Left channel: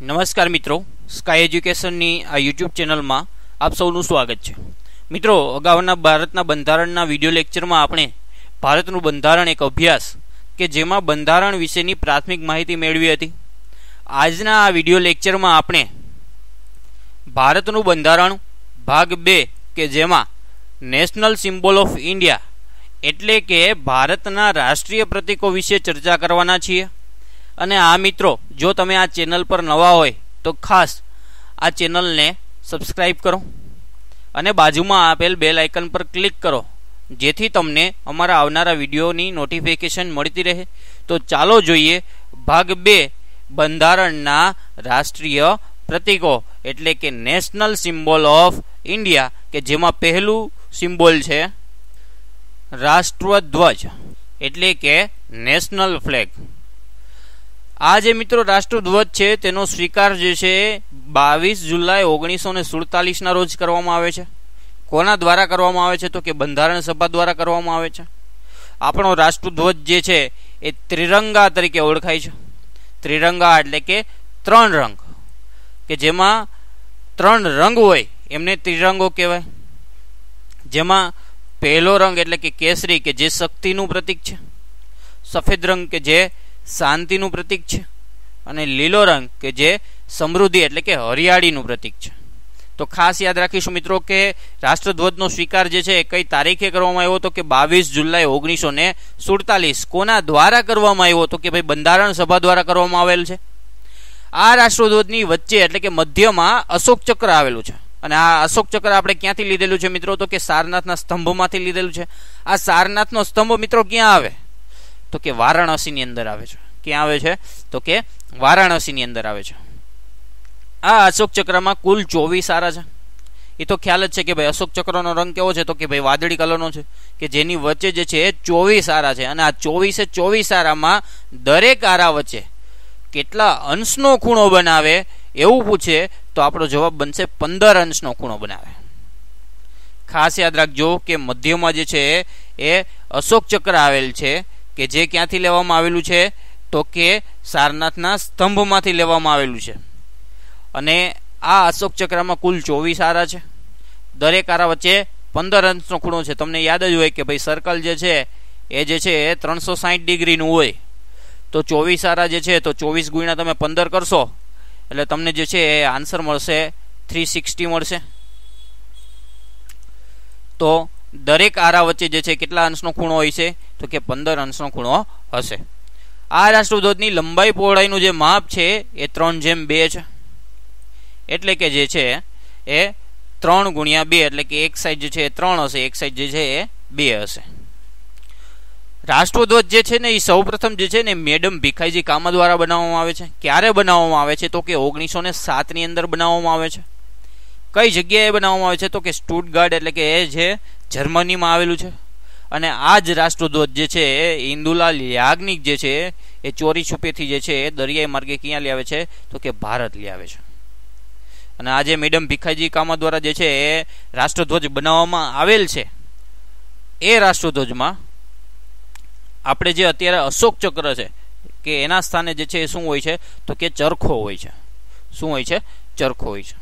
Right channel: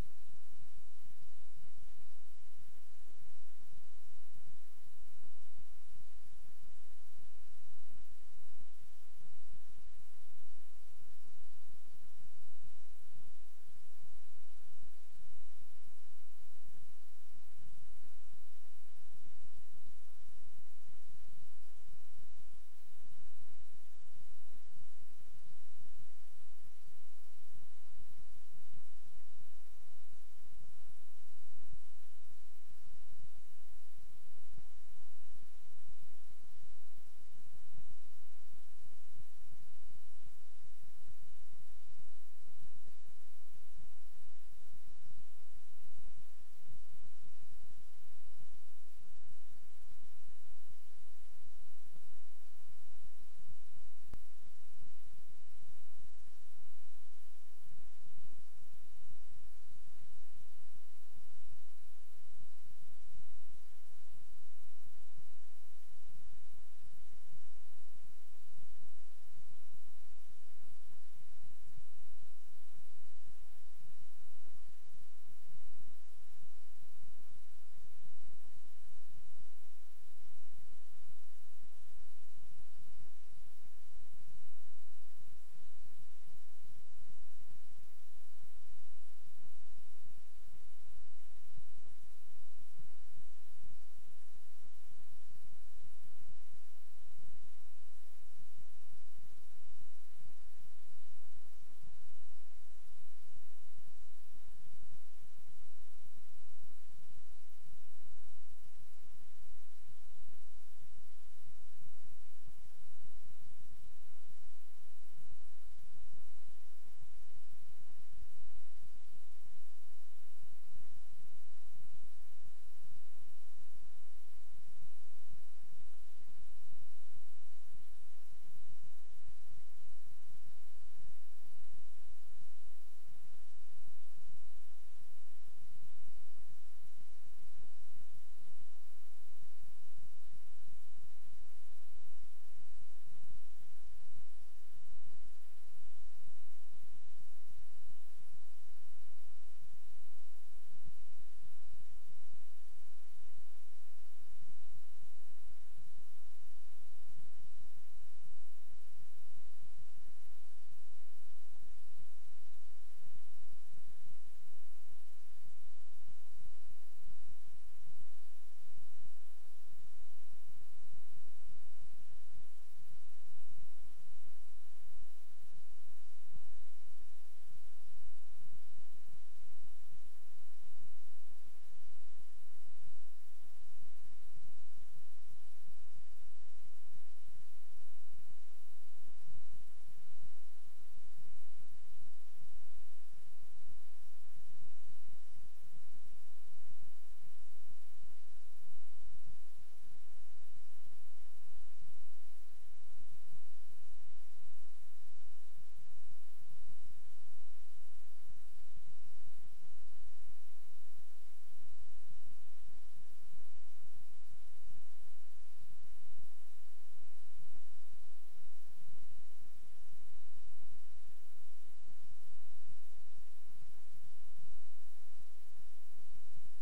નમસ્કાર મિત્રો, સ્કાય એજ્યુકેશનની આ યુટ્યુબ ચેનલમાં આપ સૌનું સ્વાગત છે. મિત્રો, અગાઉના ભારતના બંધારણના વિડીયો લેક્ચરમાં આપણે ભારતનું બંધારણ એક અભ્યાસ કે જેમાં બંધારણ વિશેની પ્રાથમિક માહિતી મેળવી હતી. આજના આ વિડીયો લેક્ચરમાં આપણે ભારતનું બંધારણ ભાગ 2 કે જેમાં નેશનલ સિમ્બોલ ઓફ ઇન્ડિયા એટલે કે ભારતના રાષ્ટ્રીય પ્રતીકો વિશે ચર્ચા કરવાના છીએ. અને આ મિત્રો, જો તમે આ ચેનલ પર નવા હોય તો ખાસ આ ચેનલને સબસ્ક્રાઈબ કરો અને બાજુમાં આપેલ બેલ આઇકન પર ક્લિક કરો, જેથી તમને અમારા આવનારા વિડીયોની નોટિફિકેશન મળતી રહે. તો ચાલો જોઈએ ભાગ 2 બંધારણના રાષ્ટ્રીય પ્રતીકો એટલે કે નેશનલ સિમ્બોલ ઓફ ઇન્ડિયા, કે જેમાં પહેલું સિમ્બોલ છે રાષ્ટ્રધ્વજ એટલે કે નેશનલ ફ્લેગ. આ જે મિત્રો રાષ્ટ્રધ્વજ છે તેનો સ્વીકાર જે છે 22 જુલાઈ 1947 ના રોજ કરવામાં આવે છે. કોના દ્વારા કરવામાં આવે છે? તો કે બંધારણ સભા દ્વારા કરવામાં આવે છે. આપણો રાષ્ટ્રધ્વજ જે છે એ ત્રિરંગા તરીકે ઓળખાય છે. ત્રિરંગા એટલે કે 3 રંગ, કે જેમાં 3 રંગ હોય એમને ત્રિરંગો કહેવાય. જેમાં પહેલો રંગ એટલે કે કેસરી, કે જે શક્તિનું પ્રતીક છે. સફેદ રંગ કે જે શાંતિનું પ્રતીક છે. અને લીલો રંગ કે જે સમૃદ્ધિ એટલે કે હરિયાળીનું પ્રતીક છે. તો ખાસ યાદ રાખીશું મિત્રો કે રાષ્ટ્રધ્વજનો સ્વીકાર જે છે કઈ તારીખે કરવામાં આવ્યો હતો? કે 22 જુલાઈ 1947. કોના દ્વારા કરવામાં આવ્યો હતો? કે ભાઈ બંધારણ સભા દ્વારા કરવામાં આવેલ છે. આ રાષ્ટ્રધ્વજની વચ્ચે એટલે કે મધ્યમાં અશોક ચક્ર આવેલું છે. અને આ અશોક ચક્ર આપણે ક્યાંથી લીધેલું છે મિત્રો? તો કે સારનાથના સ્તંભમાંથી લીધેલું છે. આ સારનાથનો સ્તંભ મિત્રો ક્યાં આવે? તો કે વારાણસીની અંદર આવે છે. ક્યાં આવે છે? તો કે વારાણસીની અંદર આવે છે. આ અશોક ચક્રમાં કુલ 24 આરા છે. એ તો ખ્યાલ જ છે કે ભાઈ અશોક ચક્રનો રંગ કેવો છે? તો કે ભાઈ વાદળી કલરનો છે, કે જેની વચ્ચે જે છે 24 આરા છે. અને આ 24 આરામાં દરેક આરા વચ્ચે કેટલા અંશનો ખૂણો બનાવે એવું પૂછે તો આપણો જવાબ બનશે 15 અંશનો ખૂણો બનાવે. ખાસ યાદ રાખજો કે મધ્યમાં જે છે એ અશોક ચક્ર આવેલ છે, કે જે ક્યાંથી લેવામાં આવેલું છે? તો કે સારનાથના સ્તંભમાંથી લેવામાં આવેલું છે. અને આ અશોક ચક્રમાં કુલ 24 આરા છે. દરેક આરા વચ્ચે 15 અંશનો ખૂણો છે. તમને યાદ જ હોય કે ભાઈ સર્કલ જે છે એ 360 ડિગ્રીનું હોય. તો 24 આરા જે છે તો 24 ગુણ્યા તમે 15 કરશો એટલે તમને જે છે એ આન્સર મળશે 360 મળશે. તો દરેક આરા વચ્ચે જે છે કેટલા અંશનો ખૂણો હોય છે? તો કે 15 અંશનો ખૂણો હશે. આ રાષ્ટ્રધ્વજની લંબાઈ પહોળાઈનું જે માપ છે એ 3:2 છે. એટલે કે જે છે એ 3:2 એટલે કે એક સાઈડ જે છે એ 3 હશે, એક સાઈડ જે છે એ 2 હશે. રાષ્ટ્રધ્વજ જે છે ને એ સૌપ્રથમ જે છે ને મેડમ ભીખાઈજી કામા દ્વારા બનાવવામાં આવે છે. ક્યારે બનાવવામાં આવે છે? તો કે 1907 ની અંદર બનાવવામાં આવે છે. કઈ જગ્યાએ બનાવવામાં આવે છે? તો કે સ્ટુટગાર્ડ એટલે કે એ જે જર્મનીમાં આવેલું છે. અને આ જ રાષ્ટ્રધ્વજ જે છે ઇન્દુલાલ યાજ્ઞિક જે છે એ ચોરી છુપેથી જે છે એ દરિયાઈ માર્ગે ક્યાં લઈ આવે છે? તો કે ભારત લઈ આવે છે. અને આ જે મેડમ ભીખાઈજી કામા દ્વારા જે છે એ રાષ્ટ્રધ્વજ બનાવવામાં આવેલ છે, એ રાષ્ટ્રધ્વજમાં આપણે જે અત્યારે અશોક ચક્ર છે કે એના સ્થાને જે છે એ શું હોય છે? તો કે ચરખો હોય છે. શું હોય છે? ચરખો હોય છે.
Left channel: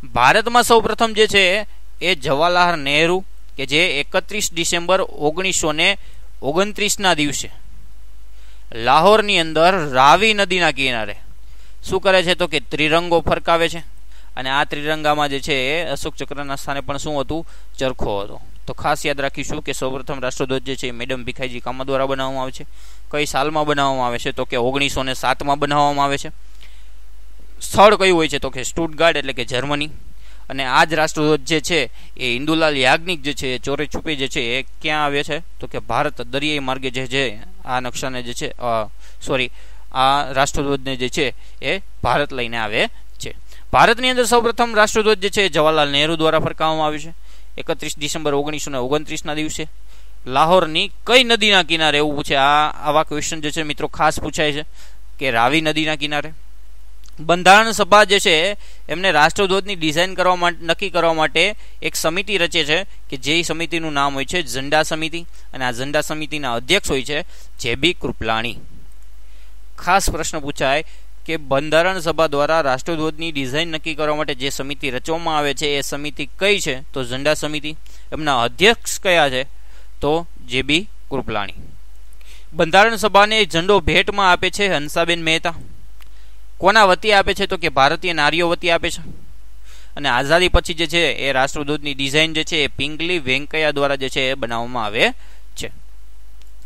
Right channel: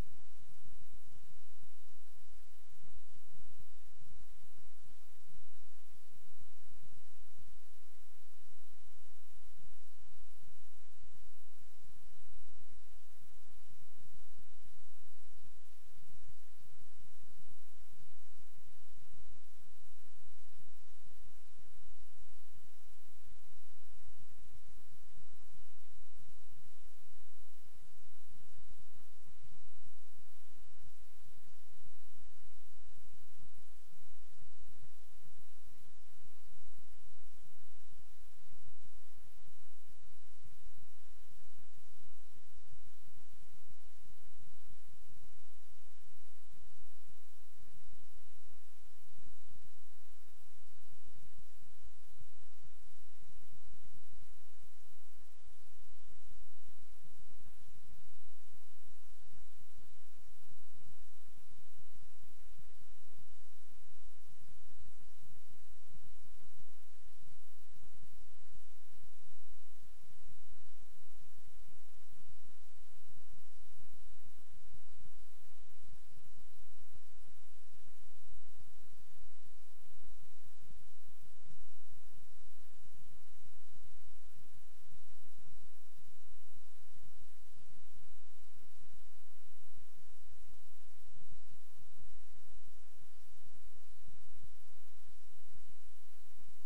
ભારતમાં સૌ પ્રથમ જે છે એ જવાહરલાલ નહેરુ, કે જે 31 ડિસેમ્બર 1929 ના દિવસે લાહોરની અંદર રાવી નદીના કિનારે શું કરે છે? તો કે ત્રિરંગો ફરકાવે છે. અને આ ત્રિરંગામાં જે છે એ અશોક ચક્રના સ્થાને પણ શું હતું? ચરખો હતો. તો ખાસ યાદ રાખીશું કે સૌપ્રથમ રાષ્ટ્રધ્વજ જે છે મેડમ ભીખાઈજી કામા દ્વારા બનાવવામાં આવે છે. કઈ સાલમાં બનાવવામાં આવે છે? તો કે 1907 બનાવવામાં આવે છે. સ્થળ કયું હોય છે? તો કે સ્ટુટગાર્ડ એટલે કે જર્મની. અને આ જ રાષ્ટ્રધ્વજ જે છે એ ઇન્દુલાલ યાજ્ઞિક જે છે એ ચોરી છુપી જે છે એ ક્યાં આવે છે? તો કે ભારત દરિયાઈ માર્ગે જે છે આ નકશાને જે છે આ રાષ્ટ્રધ્વજને જે છે એ ભારત લઈને આવે છે. ભારતની અંદર સૌપ્રથમ રાષ્ટ્રધ્વજ જે છે જવાહરલાલ નહેરુ દ્વારા ફરકાવવામાં આવ્યું છે 31 ડિસેમ્બર 1929 ના દિવસે. લાહોરની કઈ નદીના કિનારે એવું પૂછે? આવા ક્વેશ્ચન જે છે મિત્રો ખાસ પૂછાય છે કે રાવી નદીના કિનારે. બંધારણ સભા જે છે એમને રાષ્ટ્રધ્વજની ડિઝાઇન નક્કી કરવા માટે એક સમિતિ રચે છે, કે જે સમિતિનું નામ હોય છે ઝંડા સમિતિ. અને આ ઝંડા સમિતિના અધ્યક્ષ હોય છે જે બી કૃપલાણી. ખાસ પ્રશ્ન પૂછાય કે બંધારણ સભા દ્વારા રાષ્ટ્રધ્વજની ડિઝાઇન નક્કી કરવા માટે જે સમિતિ રચવામાં આવે છે એ સમિતિ કઈ છે? તો ઝંડા સમિતિ. એમના અધ્યક્ષ કયા છે? તો જેબી કૃપલાણી. બંધારણ સભાને ઝંડો ભેટમાં આપે છે હંસાબેન મહેતા. કોના વતી આપે છે? તો કે ભારતીય નારીઓ વતી આપે છે. અને આઝાદી પછી જે છે એ રાષ્ટ્રધ્વજની ડિઝાઇન જે છે એ પિંગલી વેંકૈયા દ્વારા જે છે એ બનાવવામાં આવે છે.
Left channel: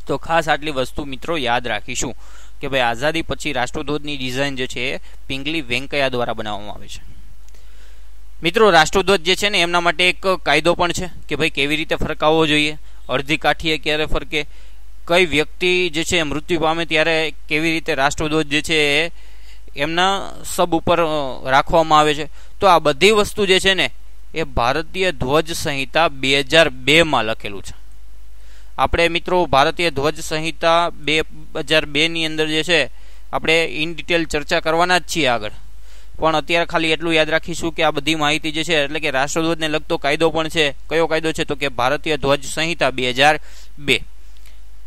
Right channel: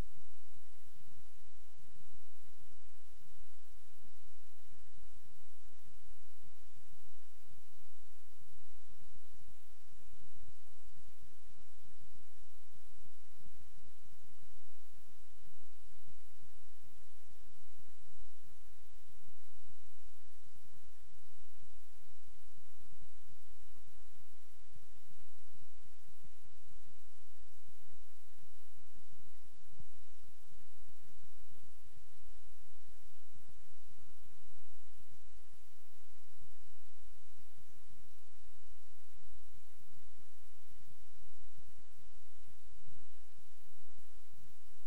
તો ખાસ આટલી વસ્તુ મિત્રો યાદ રાખીશું કે ભાઈ આઝાદી પછી રાષ્ટ્રધ્વજની ડિઝાઇન જે છે એ પિંગલી વેંકૈયા દ્વારા બનાવવામાં આવે છે. મિત્રો રાષ્ટ્રધ્વજ જે છે ને એમના માટે એક કાયદો પણ છે કે ભાઈ કેવી રીતે ફરકાવવો જોઈએ, અડધી કાઠીએ ક્યારે ફરકે, કઈ વ્યક્તિ જે છે મૃત્યુ પામે ત્યારે કેવી રીતે રાષ્ટ્રધ્વજ જે છે એ એમના સબ ઉપર રાખવામાં આવે છે. તો આ બધી વસ્તુ જે છે ને એ ભારતીય ધ્વજ સંહિતા 2002 લખેલું છે. આપણે મિત્રો ભારતીય ધ્વજ સંહિતા 2002ની અંદર જે છે આપણે ઇન ડિટેલ ચર્ચા કરવાના જ છીએ આગળ, પણ અત્યારે ખાલી એટલું યાદ રાખીશું કે આ બધી માહિતી જે છે એટલે કે રાષ્ટ્રધ્વજને લગતો કાયદો પણ છે. કયો કાયદો છે? તો કે ભારતીય ધ્વજ સંહિતા 2002.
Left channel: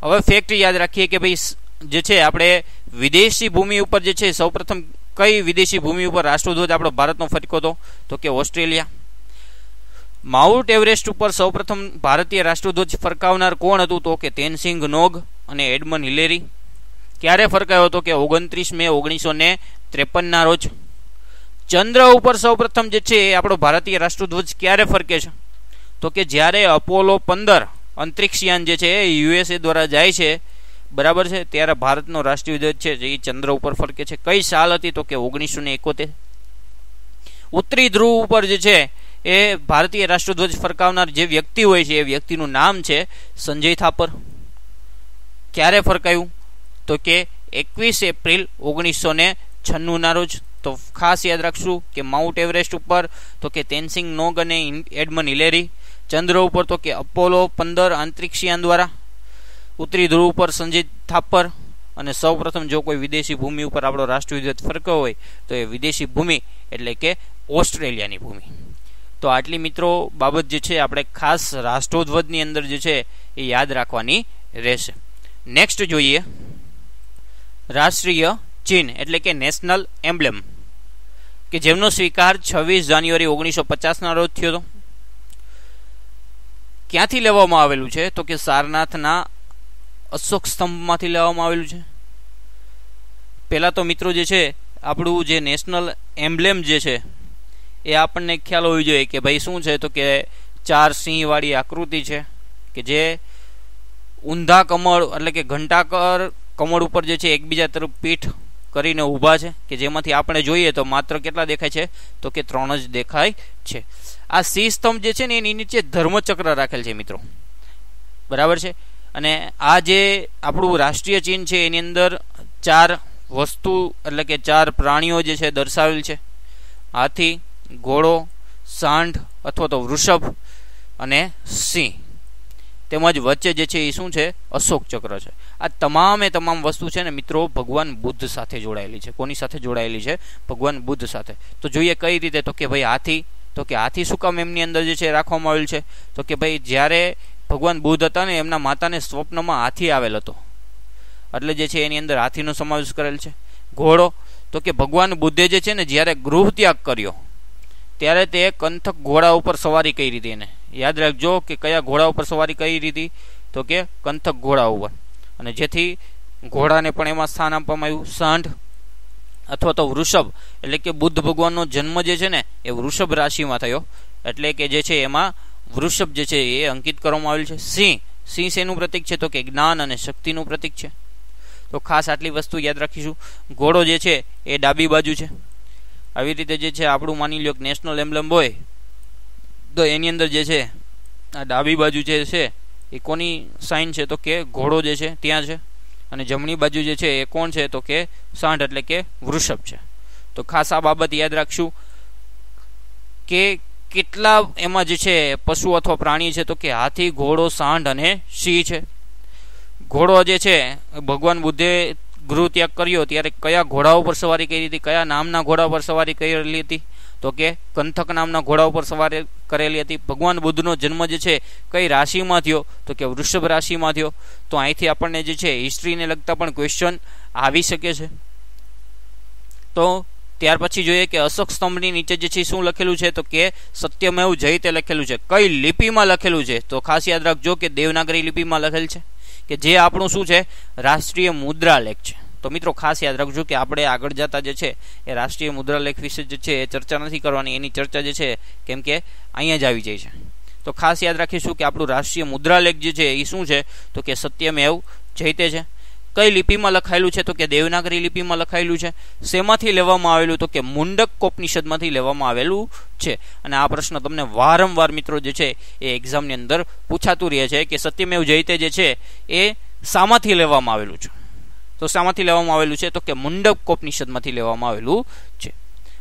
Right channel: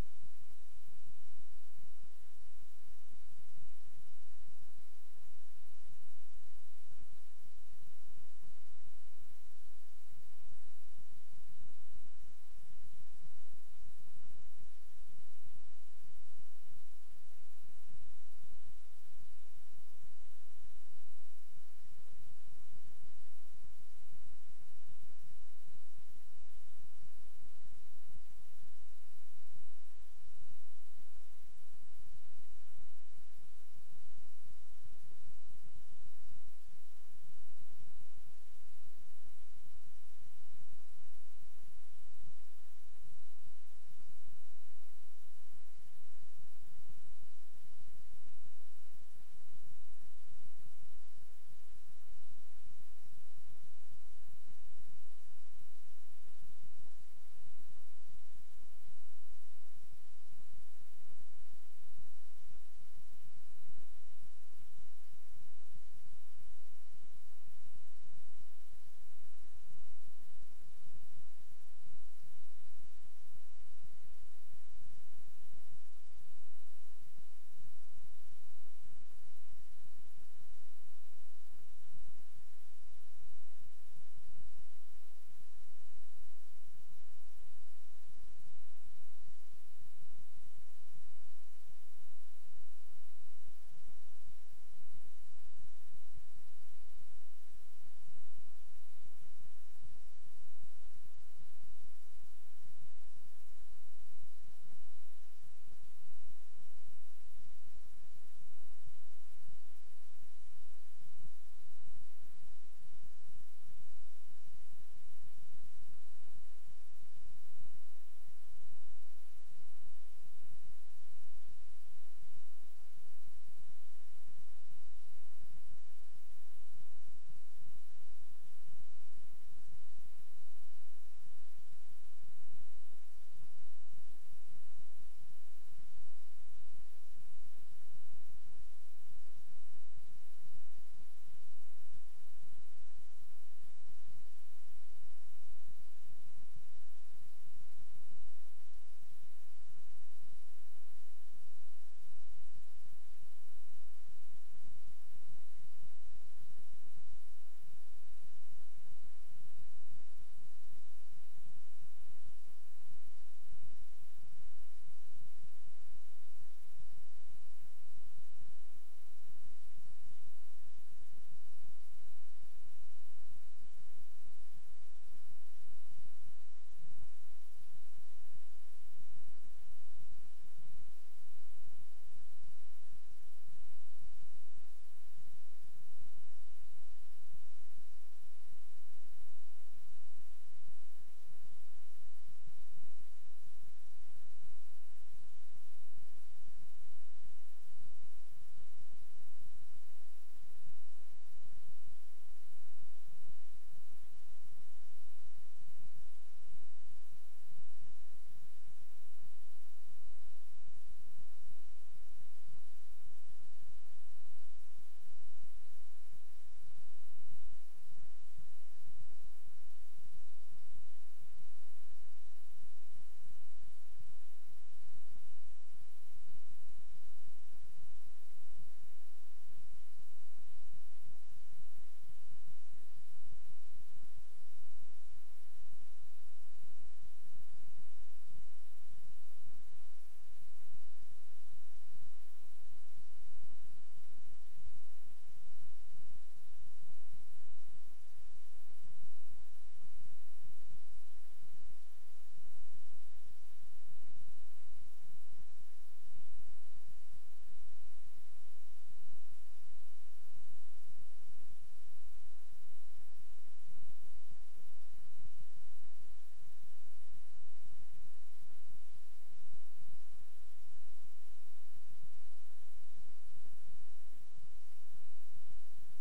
હવે ફેક્ટ યાદ રાખીએ કે ભાઈ જે છે આપણે વિદેશી ભૂમિ ઉપર જે છે સૌપ્રથમ કઈ વિદેશી ભૂમિ ઉપર રાષ્ટ્રધ્વજ આપણો ભારતનો ફરક્યો હતો? તો કે ઓસ્ટ્રેલિયા. માઉન્ટ એવરેસ્ટ ઉપર સૌપ્રથમ ભારતીય રાષ્ટ્રધ્વજ ફરકાવનાર કોણ હતું? તો કે તેનસિંગ નોગ અને એડમન હિલેરી. ક્યારે ફરકાયો હતો? કે 29 મે 1953 ના રોજ. ચંદ્ર ઉપર સૌપ્રથમ જે છે એ આપણો ભારતીય રાષ્ટ્રધ્વજ ક્યારે ફરકે છે? તો કે જ્યારે અપોલો 15 અંતરિક્ષયાન જે છે એ USA દ્વારા જાય છે, બરાબર છે, ત્યારે ભારતનો રાષ્ટ્રીય ધ્વજ છે એ ચંદ્ર ઉપર ફરકે છે. કઈ સાલ હતી? તો કે 1971. ઉત્તરી ધ્રુવ ઉપર જે છે એ ભારતીય રાષ્ટ્રધ્વજ ફરકાવનાર જે વ્યક્તિ હોય છે એ વ્યક્તિનું નામ છે સંજય થાપર. ક્યારે ફરકાયું? તો કે 21 એપ્રિલ 1996 ના રોજ. તો ખાસ યાદ રાખશું કે માઉન્ટ એવરેસ્ટ ઉપર તો કે તેનસિંગ નોગ અને એડમન હિલેરી. ચંદ્ર ઉપર તો કે અપોલો 15 અંતરિક્ષયાન દ્વારા. ઉત્તરી ધ્રુવ ઉપર સંજય થાપર. અને સૌપ્રથમ જો કોઈ વિદેશી ભૂમિ ઉપર આપણો રાષ્ટ્રીય ધ્વજ ફરક્યો હોય તો એ વિદેશી ભૂમિ એટલે કે ઓસ્ટ્રેલિયાની ભૂમિ. તો આટલી મિત્રો બાબત જે છે આપણે ખાસ રાષ્ટ્રધ્વજની અંદર જે છે એ યાદ રાખવાની રહેશે. નેક્સ્ટ જોઈએ રાષ્ટ્રીય ચિહ્ન એટલે કે નેશનલ એમ્બ્લેમ, કે જેમનો સ્વીકાર 26 જાન્યુઆરી 1950 ના રોજ થયો હતો. ક્યાંથી લેવામાં આવેલું છે? તો કે સારનાથના અશોક સ્તંભમાંથી લેવામાં આવેલું છે. પહેલા તો મિત્રો જે છે આપણું જે નેશનલ એમ્બ્લેમ જે છે એ આપણને ખ્યાલ હોવી જોઈએ કે ભાઈ શું છે? તો કે 4 સિંહ વાળી આકૃતિ છે કે જે ઊંધા કમળ એટલે કે ઘંટાકર કમળ ઉપર જે છે એકબીજા તરફ પીઠ કરીને ઊભા છે, કે જેમાંથી આપણે જોઈએ તો માત્ર કેટલા દેખાય છે? તો કે 3 જ દેખાય છે. આ સિંહ સ્તંભ જે છે ને એની નીચે ધર્મચક્ર રાખેલ છે મિત્રો, બરાબર છે. અને આ જે આપણું રાષ્ટ્રીય ચિહ્ન છે એની અંદર 4 વસ્તુ એટલે કે 4 પ્રાણીઓ જે છે દર્શાવેલ છે: હાથી, ઘોડો, સાંઢ અથવા તો વૃષભ અને સિંહ. તેમજ વચ્ચે જે છે એ શું છે? અશોક ચક્ર છે. આ તમામ વસ્તુ છે ને મિત્રો ભગવાન બુદ્ધ સાથે જોડાયેલી છે. કોની સાથે જોડાયેલી છે? ભગવાન બુદ્ધ સાથે. તો જોઈએ કઈ રીતે? તો કે ભાઈ હાથી. તો કે હાથી શું કામ એમની અંદર જે છે રાખવામાં આવેલ છે? તો કે ભાઈ જ્યારે ભગવાન બુદ્ધ હતા ને એમના માતાને સ્વપ્નમાં હાથી આવેલ હતો, એટલે જે છે એની અંદર હાથીનો સમાવેશ કરેલ છે. ઘોડો. તો કે ભગવાન બુદ્ધે જે છે ને જ્યારે ગૃહ ત્યાગ કર્યો ત્યારે તે કંથક ઘોડા ઉપર સવારી કરી હતી. એને યાદ રાખજો કે કયા ઘોડા ઉપર સવારી કરી હતી? તો કે કંથક ઘોડા ઉપર. અને જેથી ઘોડાને પણ એમાં સ્થાન આપવામાં આવ્યું. સાંઢ અથવા તો વૃષભ એટલે કે બુદ્ધ ભગવાનનો જન્મ જે છે ને એ વૃષભ રાશિમાં થયો, એટલે કે જે છે એમાં વૃષભ જે છે એ અંકિત કરવામાં આવેલ છે. સિંહ. સિંહ શેનું પ્રતીક છે? તો કે જ્ઞાન અને શક્તિનું પ્રતીક છે. તો ખાસ આટલી વસ્તુ યાદ રાખીશું. ઘોડો જે છે એ ડાબી બાજુ છે. આવી રીતે જે છે આપણું માની લો કે નેશનલ એમ્બ્લેમ હોય તો એની અંદર જે છે આ ડાબી બાજુ જે છે એ કોની સાઇન છે? તો કે ઘોડો જે છે ત્યાં છે. અને જમણી બાજુ જે છે એ કોણ છે? તો કે સાંઢ એટલે કે વૃષભ છે. તો ખાસ આ બાબત યાદ રાખશું કે કેટલા એમાં જે છે પશુ અથવા પ્રાણી છે? તો કે હાથી, ઘોડો, સાંઢ અને સિંહ છે. ઘોડો જે છે ભગવાન બુદ્ધે ગૃહ ત્યાગ કર્યો ત્યારે કયા ઘોડા ઉપર સવારી કરી હતી? કયા નામના ઘોડા ઉપર સવારી કરેલી હતી? તો કે કંથક નામના ઘોડા ઉપર સવારી કરેલી હતી. ભગવાન બુદ્ધનો જન્મ જે છે કઈ રાશિમાં થયો? તો કે વૃષભ રાશિમાં થયો. તો અહીંથી આપણને જે છે હિસ્ટ્રીને લગતા પણ ક્વેશ્ચન આવી શકે છે. તો ત્યાર પછી જોઈએ કે અશોક સ્તંભની નીચે જે છે શું લખેલું છે, તો કે સત્યમેવ જયતે લખેલું છે. કઈ લિપિમાં લખેલું છે, તો ખાસ યાદ રાખજો કે દેવનાગરી લિપિમાં લખેલ છે, કે જે આપણું શું છે, રાષ્ટ્રીય મુદ્રાલેખ છે. તો મિત્રો ખાસ યાદ રાખજો કે આપણે આગળ જતા જે છે એ રાષ્ટ્રીય મુદ્રાલેખ વિશે જે છે એ ચર્ચા નથી કરવાની, એની ચર્ચા જે છે કેમ કે અહીંયા જ આવી જાય છે. તો ખાસ યાદ રાખીશું કે આપણું રાષ્ટ્રીય મુદ્રાલેખ જે છે એ શું છે, તો કે સત્યમેવ જયતે છે. કઈ લિપિમાં લખાયેલું છે, તો કે દેવનાગરી લિપિમાં લખાયેલું છે. શેમાંથી લેવામાં આવેલું, તો કે મુંડકોપનિષદમાંથી લેવામાં આવેલું છે. અને આ પ્રશ્ન તમને વારંવાર મિત્રો જે છે એ એક્ઝામની અંદર પૂછાતું રહે છે કે સત્યમેવ જયતે જે છે એ શામાંથી લેવામાં આવેલું છે. તો શામાંથી લેવામાં આવેલું છે, તો કે મુંડકોપનિષદમાંથી લેવામાં આવેલું છે.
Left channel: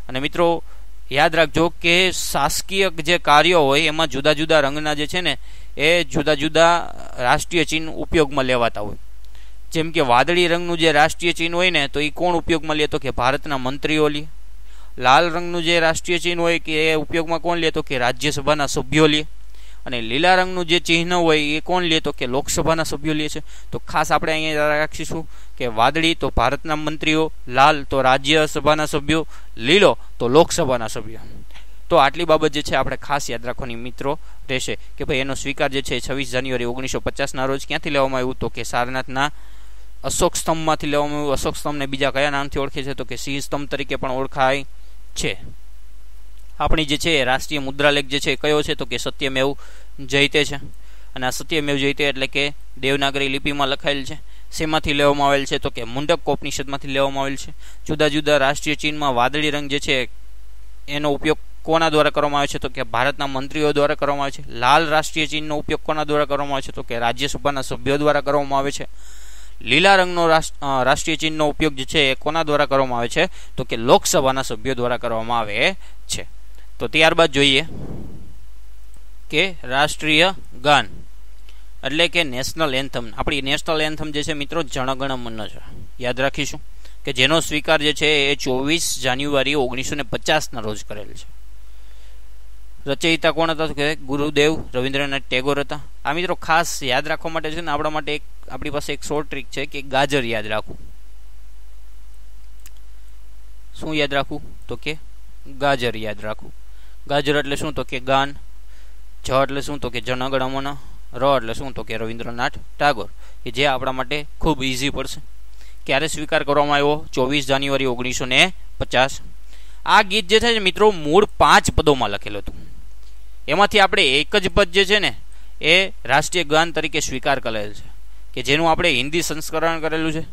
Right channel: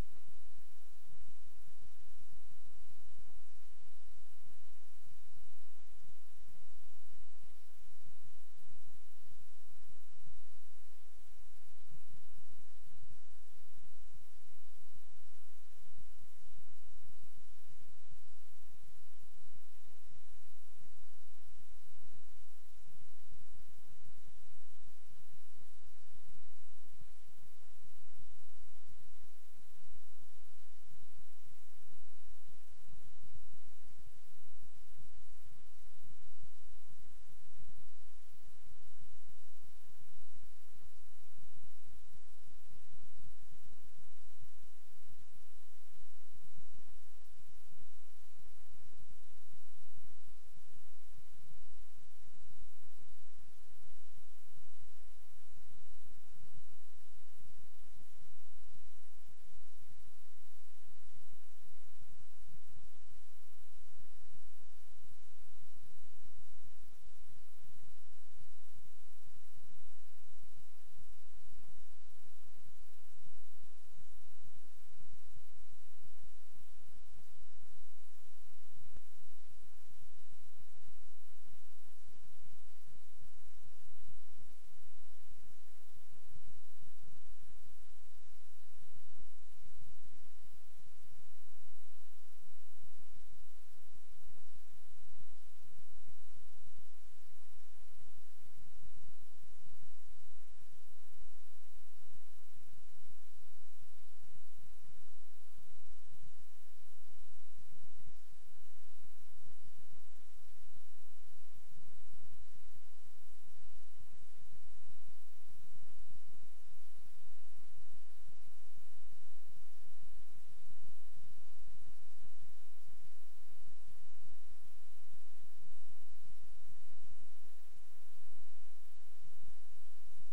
અને મિત્રો યાદ રાખજો કે શાસકીય જે કાર્યો હોય એમાં જુદા જુદા રંગના જે છે ને એ જુદા જુદા રાષ્ટ્રીય ચિહ્ન ઉપયોગમાં લેવાતા હોય. જેમ કે વાદળી રંગનું જે રાષ્ટ્રીય ચિહ્ન હોય ને, તો એ કોણ ઉપયોગમાં લે, તો કે ભારતના મંત્રીઓ લે. લાલ રંગનું જે રાષ્ટ્રીય ચિહ્ન હોય કે એ ઉપયોગમાં કોણ લે, તો કે રાજ્યસભાના સભ્યો લે. અને લીલા રંગનું જે ચિહ્ન હોય એ કોણ લે, તો કે લોકસભાના સભ્યો લે છે. તો ખાસ આપણે અહીંયા રાખીશું કે વાદળી તો ભારતના મંત્રીઓ, લાલ તો રાજ્યસભાના સભ્યો, લીલો તો લોકસભાના સભ્યો. તો આટલી બાબત જે છે આપણે ખાસ યાદ રાખવાની મિત્રો રહેશે કે ભાઈ એનો સ્વીકાર જે છે 26 જાન્યુઆરી 1950 રોજ ક્યાંથી લેવામાં આવ્યું, તો કે સારનાથના અશોક સ્તંભમાંથી લેવામાં આવ્યું. અશોક સ્તંભને બીજા કયા નામથી ઓળખે છે, તો કે સિંહ સ્તંભ તરીકે પણ ઓળખાય છે. આપણી જે છે રાષ્ટ્રીય મુદ્રાલેખ જે છે કયો છે, તો કે સત્યમેવ જયતે છે. અને આ સત્યમેવ જયતે એટલે કે દેવનાગરી લિપિમાં લખાયેલ છે. શેમાંથી લેવામાં આવેલ છે, તો કે મુંડકોપનિષદમાંથી લેવામાં આવેલ છે. જુદા જુદા રાષ્ટ્રીય ચિહ્નમાં વાદળી રંગ જે છે એનો ઉપયોગ કોના દ્વારા કરવામાં આવે છે, તો કે ભારતના મંત્રીઓ દ્વારા કરવામાં આવે છે. લાલ રાષ્ટ્રીય ચિહ્નનો ઉપયોગ કોના દ્વારા કરવામાં આવે છે, તો કે રાજ્યસભાના સભ્યો દ્વારા કરવામાં આવે છે. લીલા રંગનો રાષ્ટ્રીય ચિહ્નનો ઉપયોગ જે છે એ કોના દ્વારા કરવામાં આવે છે, તો કે લોકસભાના સભ્યો દ્વારા કરવામાં આવે છે. તો ત્યારબાદ જોઈએ કે રાષ્ટ્રીય ગાન એટલે કે નેશનલ એન્થમ. આપણી નેશનલ એન્થમ જે છે મિત્રો જનગણ મન છે, યાદ રાખીશું કે જેનો સ્વીકાર જે છે એ 24 જાન્યુઆરી 1950 રોજ કરેલ છે. રચયિતા કોણ હતા, તો કે ગુરુદેવ રવિન્દ્રનાથ ટેગોર હતા. આ મિત્રો ખાસ યાદ રાખવા માટે છે ને આપણા માટે આપણી પાસે એક શોર્ટ ટ્રીક છે કે ગાજર યાદ રાખવું. શું યાદ રાખવું, તો કે ગાજર યાદ રાખવું. ગાજર એટલે શું, તો કે ગાન. જ એટલે શું, તો કે જનગણ મન. ર એટલે શું, તો કે રવિન્દ્રનાથ ટાગોર, કે જે આપણા માટે ખૂબ ઇઝી પડશે. ક્યારે સ્વીકાર કરવામાં આવ્યો, 24 જાન્યુઆરી 1950. આ ગીત જે છે મિત્રો મૂળ 5 પદોમાં લખેલું હતું. એમાંથી આપણે એક જ પદ જે છે ને એ રાષ્ટ્રીય ગાન તરીકે સ્વીકાર કરેલ છે, કે જેનું આપણે હિન્દી સંસ્કરણ કરેલું છે.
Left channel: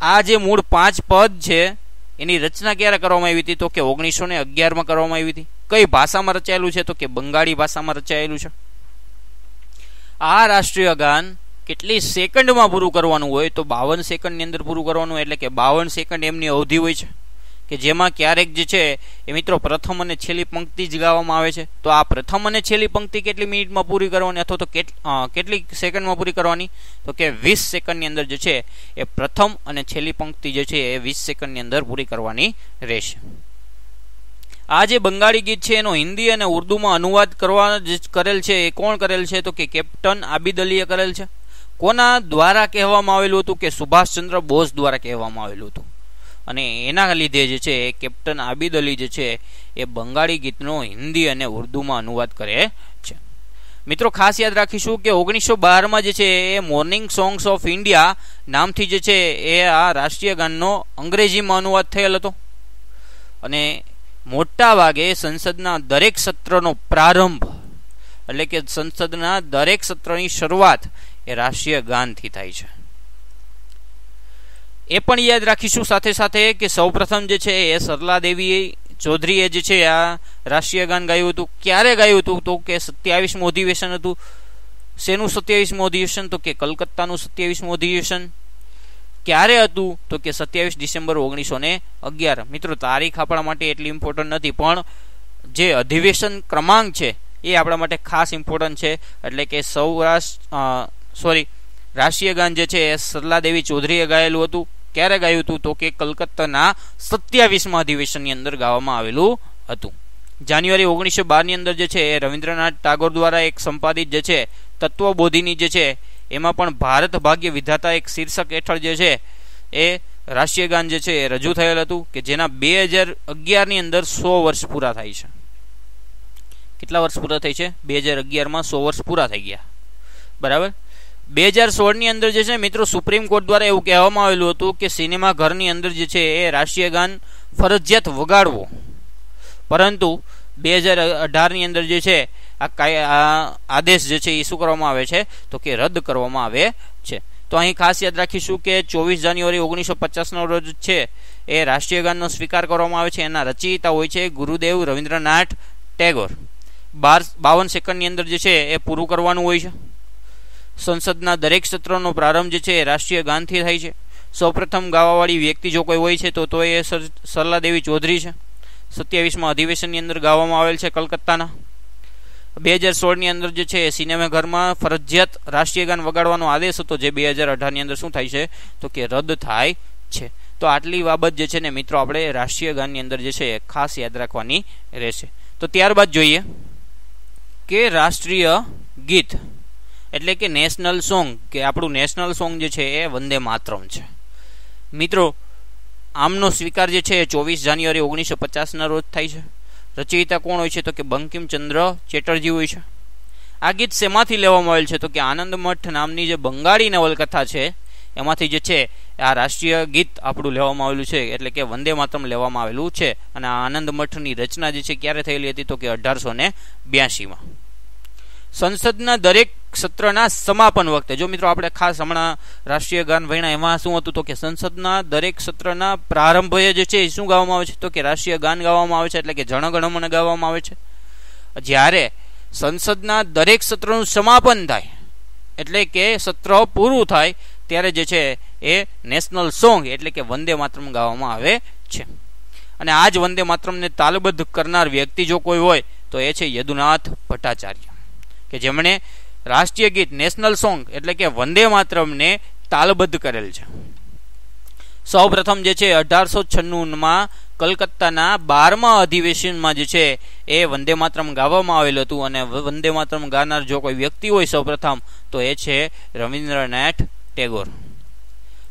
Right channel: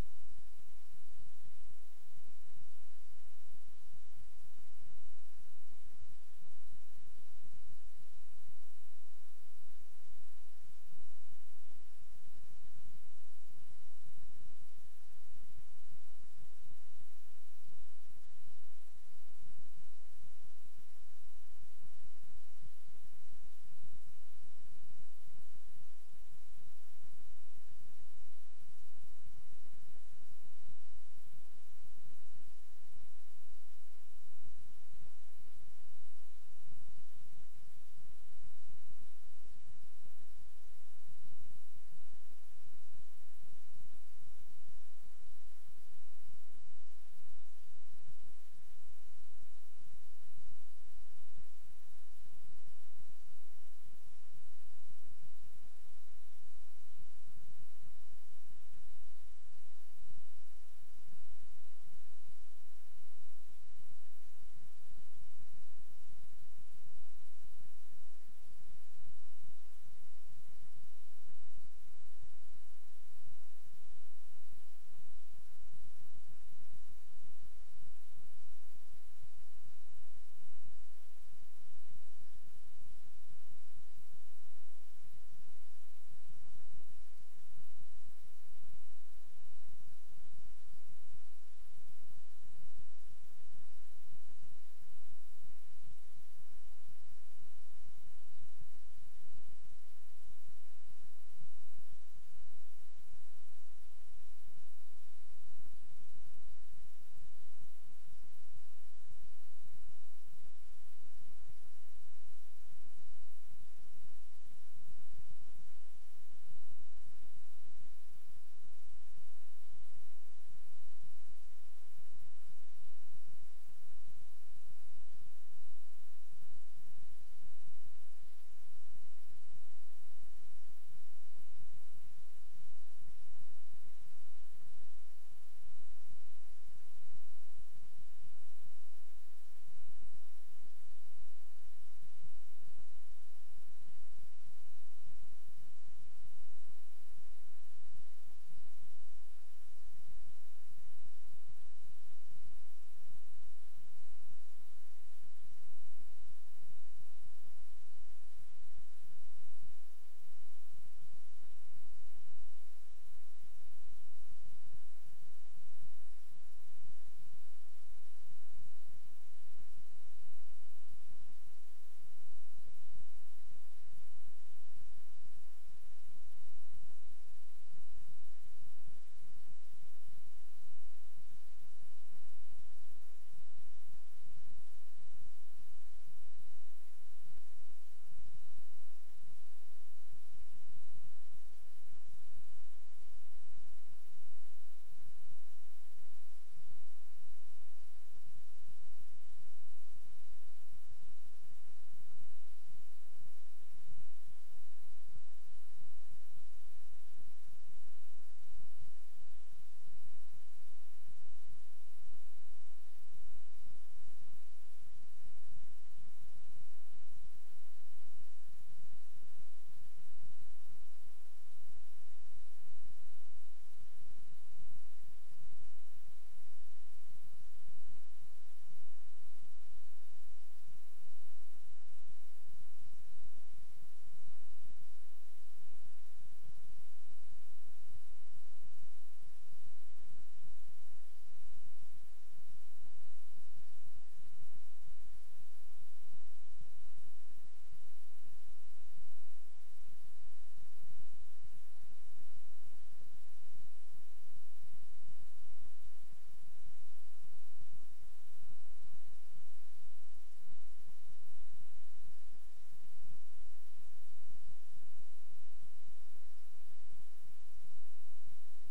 આ જે મૂળ 5 પદ છે એની રચના ક્યારે કરવામાં આવી હતી, તો કે 1911 કરવામાં આવી હતી. કઈ ભાષામાં રચાયેલું છે, તો કે બંગાળી ભાષામાં રચાયેલું છે. આ રાષ્ટ્રીય ગાન કેટલી સેકન્ડમાં પૂરું કરવાનું હોય, તો 52 સેકન્ડની અંદર પૂરું કરવાનું. એટલે કે 52 સેકન્ડ એમની અવધિ હોય છે, કે જેમાં ક્યારેક જે છે એ મિત્રો પ્રથમ અને છેલ્લી પંક્તિ જ ગાવામાં આવે છે. તો આ પ્રથમ અને છેલ્લી પંક્તિ કેટલી મિનિટમાં પૂરી કરવાની, અથવા તો કેટલી સેકન્ડમાં પૂરી કરવાની, તો કે 20 સેકન્ડની અંદર જે છે એ પ્રથમ અને છેલ્લી પંક્તિ જે છે એ 20 સેકન્ડની અંદર પૂરી કરવાની રહેશે. આ જે બંગાળી ગીત છે એનો હિન્દી અને ઉર્દુમાં અનુવાદ કરવા કરેલ છે એ કોણ કરેલ છે, તો કે કેપ્ટન આબિદ અલીએ કરેલ છે. કોના દ્વારા કહેવામાં આવેલું હતું, કે સુભાષચંદ્ર બોઝ દ્વારા કહેવામાં આવેલું હતું. અને એના લીધે જે છે કેપ્ટન આબિદ અલી જે છે એ બંગાળી ગીતનો હિન્દી અને ઉર્દુમાં અનુવાદ કરે છે. મિત્રો ખાસ યાદ રાખીશું કે 1912 જે છે એ મોર્નિંગ સોંગ્સ ઓફ ઇન્ડિયા નામથી જે છે એ આ રાષ્ટ્રીય ગાનનો અંગ્રેજીમાં અનુવાદ થયેલ હતો. અને મોટા ભાગે સંસદના દરેક સત્રનો પ્રારંભ એટલે કે સંસદના દરેક સત્રની શરૂઆત એ રાષ્ટ્રીય ગાનથી થાય છે. એ પણ યાદ રાખીશું સાથે સાથે કે સૌપ્રથમ જે છે એ સરલા દેવી ચૌધરીએ જે છે આ રાષ્ટ્રીય ગાન ગાયું હતું. ક્યારે ગાયું હતું, તો કે 27મું અધિવેશન હતું. શેનું 27મું અધિવેશન, તો કે કલકત્તાનું 27મું અધિવેશન. ક્યારે હતું, તો કે 27 ડિસેમ્બર 1911. મિત્રો તારીખ આપણા માટે એટલી ઇમ્પોર્ટન્ટ નથી, પણ જે અધિવેશન ક્રમાંક છે એ આપણા માટે ખાસ ઇમ્પોર્ટન્ટ છે. એટલે કે રાષ્ટ્રીય ગાન જે છે એ સરલા દેવી ચૌધરીએ ગાયેલું હતું. ક્યારે ગાયું હતું, તો કે કલકત્તાના 27મા અધિવેશનની અંદર ગાવામાં આવેલું હતું. જાન્યુઆરી 1912 ની અંદર જે છે એ રવિન્દ્રનાથ ટાગોર દ્વારા એક સંપાદિત જે છે તત્વબોધિની જે છે એમાં પણ ભારત ભાગ્ય વિધાતા એક શીર્ષક હેઠળ જે છે એ રાષ્ટ્રીય ગાન જે છે એ રજૂ થયેલ હતું કે જેના 2011ની અંદર 100 વર્ષ પૂરા થાય છે. કેટલા વર્ષ પૂરા થઈ છે? 2011માં 100 વર્ષ પૂરા થઈ ગયા. બરાબર. 2016ની અંદર જે છે મિત્રો સુપ્રીમ કોર્ટ દ્વારા એવું કહેવામાં આવેલું હતું કે સિનેમા ઘરની અંદર જે છે એ રાષ્ટ્રીય ગાન ફરજિયાત વગાડવો, પરંતુ 2018ની અંદર જે છે આ આદેશ જે છે એ શું કરવામાં આવે છે તો કે રદ કરવામાં આવે છે. તો અહીં ખાસ યાદ રાખીશું કે 24 જાન્યુઆરી 1950 રોજ છે એ રાષ્ટ્રીય ગાનનો સ્વીકાર કરવામાં આવે છે. એના રચયિતા હોય છે ગુરુદેવ રવિન્દ્રનાથ ટેગોર. 52 સેકન્ડની અંદર જે છે એ પૂરું કરવાનું હોય છે. સંસદના દરેક સત્રનો પ્રારંભ જે છે એ રાષ્ટ્રીય ગાનથી થાય છે. સૌપ્રથમ ગાવાવાળી વ્યક્તિ જો કોઈ હોય છે તો એ સરલાદેવી ચૌધરી છે. 27માં અધિવેશનની અંદર ગાવામાં આવેલ છે કલકત્તાના. 2016ની અંદર જે છે સિનેમાઘરમાં ફરજિયાત રાષ્ટ્રીય ગાન વગાડવાનો આદેશ હતો, જે 2018ની અંદર શું થાય છે તો કે રદ થાય છે. તો આટલી બાબત જે છે ને મિત્રો આપણે રાષ્ટ્રીય ગાનની અંદર જે છે ખાસ યાદ રાખવાની રહેશે. તો ત્યારબાદ જોઈએ કે રાષ્ટ્રીય ગીત એટલે કે નેશનલ સોંગ, કે આપણું નેશનલ સોંગ જે છે એ વંદે માતરમ છે. મિત્રો આમનો સ્વીકાર જે છે 24 જાન્યુઆરી 1950ના રોજ થાય છે. રચયિતા કોણ હોય છે તો કે બંકિમચંદ્ર ચેટર્જી હોય છે. આ ગીત શેમાંથી લેવામાં આવેલ છે તો કે આનંદ મઠ નામની જે બંગાળી નવલકથા છે એમાંથી જે છે આ રાષ્ટ્રીય ગીત આપણું લેવામાં આવેલું છે, એટલે કે વંદે માતરમ લેવામાં આવેલું છે. અને આ આનંદ મઠની રચના જે છે ક્યારે થયેલી હતી તો કે 1882માં. સંસદના દરેક સત્રના સમાપન વખતે, જો મિત્રો આપણે ખાસ હમણાં રાષ્ટ્રીય ગાન ભણ્યા એમાં શું હતું તો કે સંસદના દરેક સત્રના પ્રારંભે જે છે શું ગાવામાં આવે છે તો કે રાષ્ટ્રીય ગાન ગાવામાં આવે છે, એટલે કે જન ગણ મન ગાવામાં આવે છે. જ્યારે સંસદના દરેક સત્રનું સમાપન થાય એટલે કે સત્ર પૂરું થાય ત્યારે જે છે એ નેશનલ સોંગ એટલે કે વંદે માતરમ ગાવામાં આવે છે. અને આ જ વંદે માતરમને તાલબદ્ધ કરનાર વ્યક્તિ જો કોઈ હોય તો એ છે યદુનાથ ભટ્ટાચાર્ય, કે જેમણે રાષ્ટ્રીય ગીત નેશનલ સોંગ એટલે કે વંદે માતરમને તાલબદ્ધ કરેલ છે. સૌ પ્રથમ જે છે 1896માં કલકત્તાના 12મા અધિવેશનમાં જે છે એ વંદે માતરમ ગાવામાં આવેલું હતું. અને વંદે માતરમ ગાનાર જો કોઈ વ્યક્તિ હોય સૌ પ્રથમ તો એ છે રવિન્દ્રનાથ ટેગોર.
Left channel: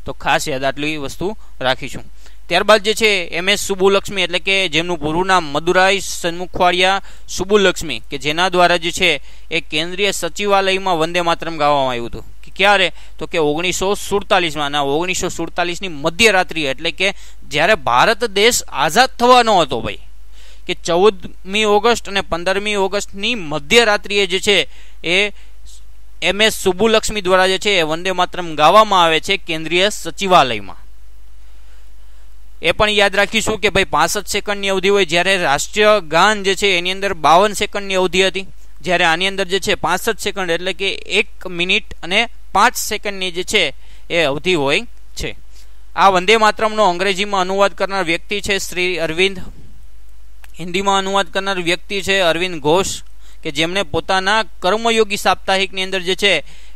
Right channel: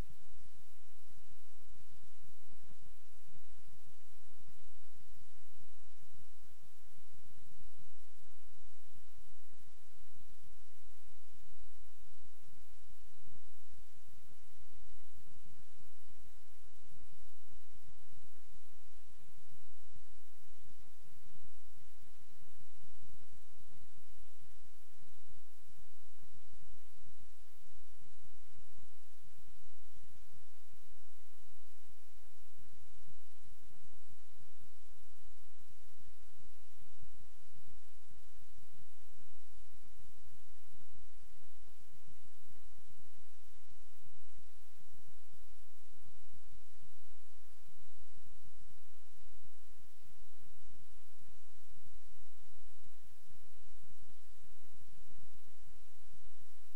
તો ખાસ યાદ આટલી વસ્તુ રાખીશું. ત્યારબાદ જે છે MS સુબુલક્ષ્મી એટલે કે જેમનું પૂરું નામ મદુરાઈ સન્મુખવાડિયા સુબુલક્ષ્મી, કે જેના દ્વારા જે છે એ કેન્દ્રીય સચિવાલયમાં વંદે માતરમ ગાવામાં આવ્યું હતું. કે ક્યારે તો કે 1947માં. અને 1947ની મધ્યરાત્રિ એટલે કે જ્યારે ભારત દેશ આઝાદ થવાનો હતો ભાઈ, કે 14મી ઓગસ્ટ અને 15મી ઓગસ્ટની મધ્યરાત્રિએ જે છે એ MS સુબુલક્ષ્મી દ્વારા જે છે એ વંદે માતરમ ગાવામાં આવે છે કેન્દ્રીય સચિવાલયમાં. એ પણ યાદ રાખીશું કે ભાઈ 65 સેકન્ડની અવધિ હોય, જ્યારે રાષ્ટ્રીય ગાન જે છે એની અંદર 52 સેકન્ડની અવધિ હતી, જ્યારે આની અંદર જે છે 65 સેકન્ડ એટલે કે 1 મિનિટ અને 5 સેકન્ડની જે છે એ અવધિ હોય છે. આ વંદે માતરમનો અંગ્રેજીમાં અનુવાદ કરનાર વ્યક્તિ છે શ્રી અરવિંદ. હિન્દીમાં અનુવાદ કરનાર વ્યક્તિ છે અરવિંદ ઘોષ, કે જેમણે પોતાના કર્મયોગી સાપ્તાહિકની અંદર જે છે